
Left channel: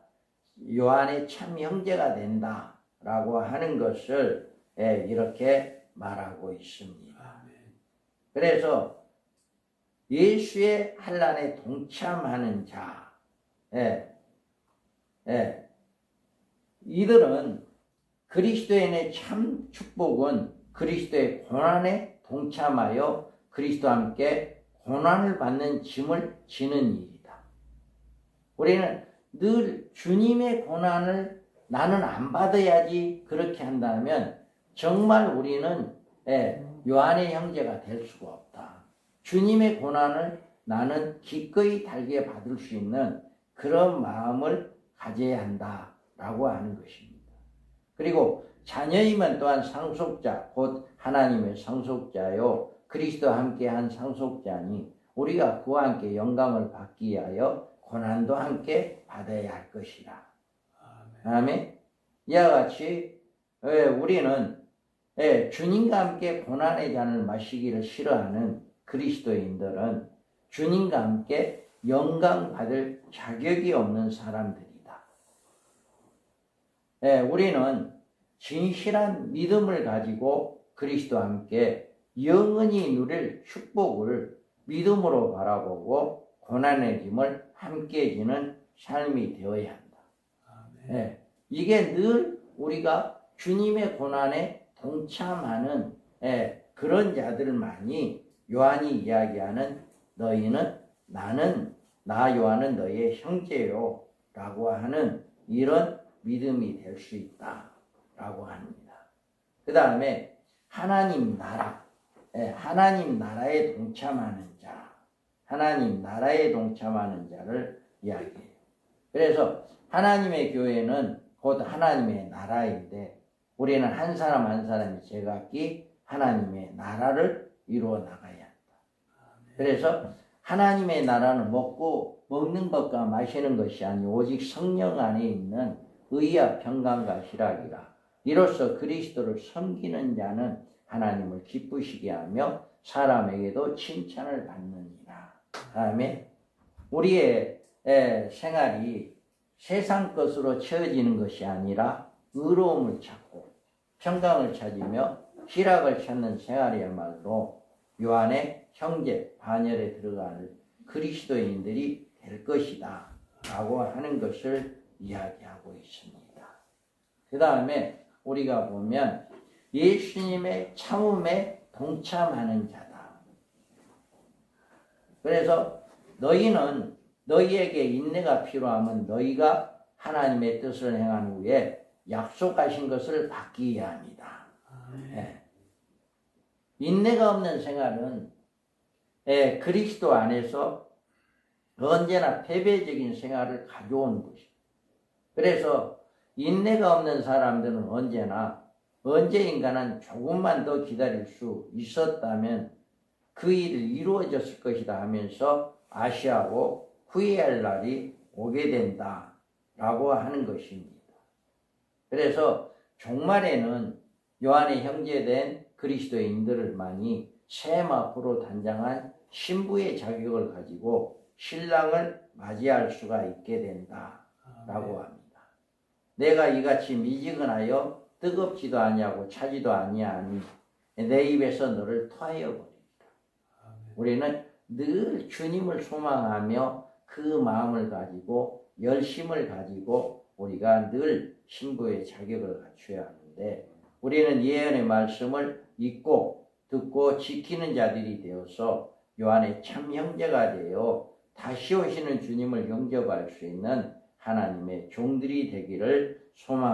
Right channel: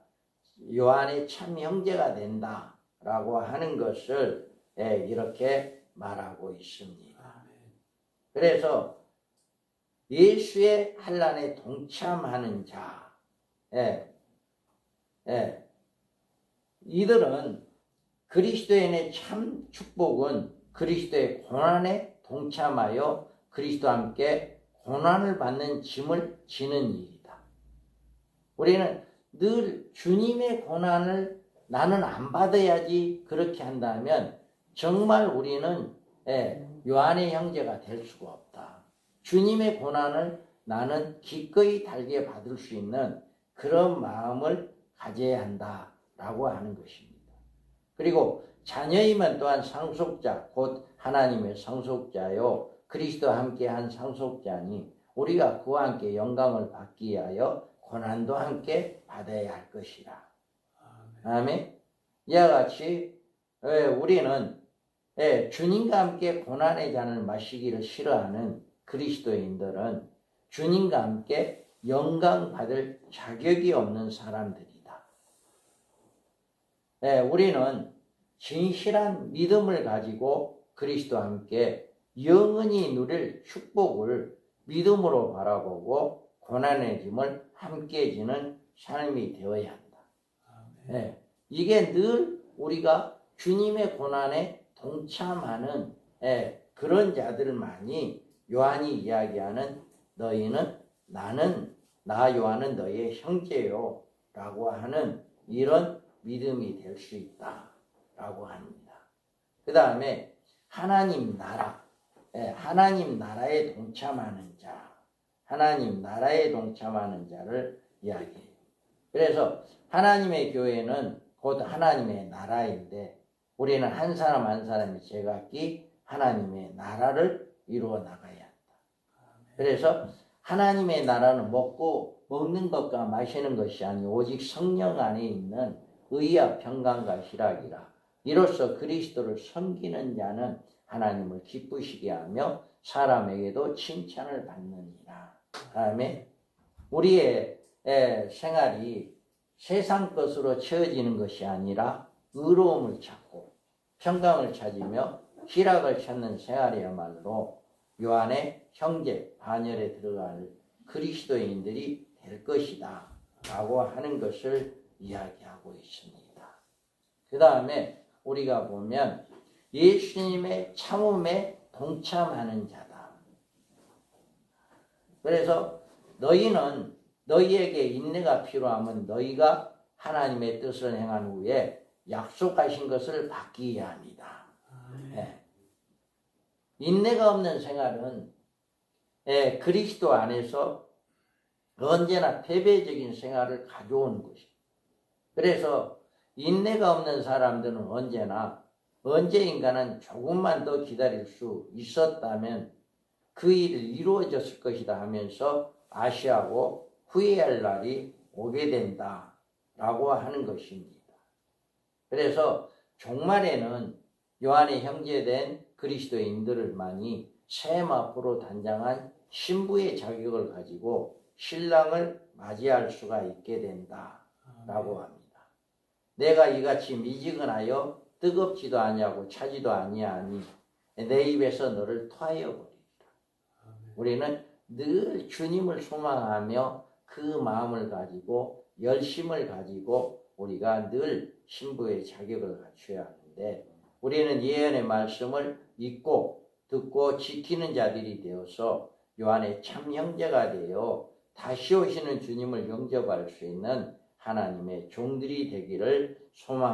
요한의 참 형제가 된다라고 하는 것을 이렇게 말하고 있습니다. 그래서 예수의 환난에 동참하는 자, 이들은 그리스도인의 참 축복은 그리스도의 고난에 동참하여 그리스도와 함께 고난을 받는 짐을 지는 일이다. 우리는 늘 주님의 고난을 나는 안 받아야지 그렇게 한다면 정말 우리는 요한의 형제가 될 수가 없다. 주님의 고난을 나는 기꺼이 달게 받을 수 있는 그런 마음을 가져야 한다라고 하는 것입니다. 그리고 자녀이면 또한 상속자 곧 하나님의 상속자요 그리스도와 함께한 상속자니 우리가 그와 함께 영광을 받기 위하여 고난도 함께 받아야 할 것이다. 아멘. 이와 같이 우리는 주님과 함께 고난의 잔을 마시기를 싫어하는 그리스도인들은 주님과 함께 영광 받을 자격이 없는 사람들이다. 우리는 진실한 믿음을 가지고 그리스도와 함께 영원히 누릴 축복을 믿음으로 바라보고 고난의 짐을 함께 지는 삶이 되어야 한다. 이게 늘 우리가 주님의 고난에 동참하는 그런 자들만이 요한이 이야기하는 너희는 나 요한은 너희의 형제요 라고 하는 이런 믿음이 될 수 있다 라고 합니다. 그 다음에 하나님 나라, 하나님 나라에 동참하는 자, 하나님 나라에 동참하는 자를 이야기해요. 그래서 하나님의 교회는 곧 하나님의 나라인데 우리는 한 사람 한 사람이 제각기 하나님의 나라를 이루어 나가야 한다. 그래서 하나님의 나라는 먹는 것과 마시는 것이 아니오 오직 성령 안에 있는 의와 평강과 희락이라. 이로써 그리스도를 섬기는 자는 하나님을 기쁘시게 하며 사람에게도 칭찬을 받느니라. 다음에 우리의 생활이 세상 것으로 채워지는 것이 아니라 의로움을 찾고 평강을 찾으며 희락을 찾는 생활이야말로 요한의 형제 반열에 들어갈 그리스도인들이 될 것이다 라고 하는 것을 이야기하고 있습니다. 그 다음에 우리가 보면 예수님의 참음에 동참하는 자다. 그래서 너희는 너희에게 인내가 필요하면 너희가 하나님의 뜻을 행한 후에 약속하신 것을 받기 위함이다. 인내가 없는 생활은 그리스도 안에서 언제나 패배적인 생활을 가져오는 것입니다. 그래서 인내가 없는 사람들은 언제인가는 조금만 더 기다릴 수 있었다면 그 일이 이루어졌을 것이다 하면서 아쉬워하고 후회할 날이 오게 된다라고 하는 것입니다. 그래서 종말에는 요한의 형제된 그리스도인들만이 셈 앞으로 단장한 신부의 자격을 가지고 신랑을 맞이할 수가 있게 된다라고 합니다. 내가 이같이 미지근하여 뜨겁지도 아니하고 차지도 아니하니 내 입에서 너를 토하여 버리리라. 우리는 늘 주님을 소망하며 그 마음을 가지고 열심을 가지고 우리가 늘 신부의 자격을 갖춰야 하는데 우리는 예언의 말씀을 읽고 듣고 지키는 자들이 되어서 요한의 참 형제가 되어 다시 오시는 주님을 영접할 수 있는 하나님의 종들이 되기를 소망합니다.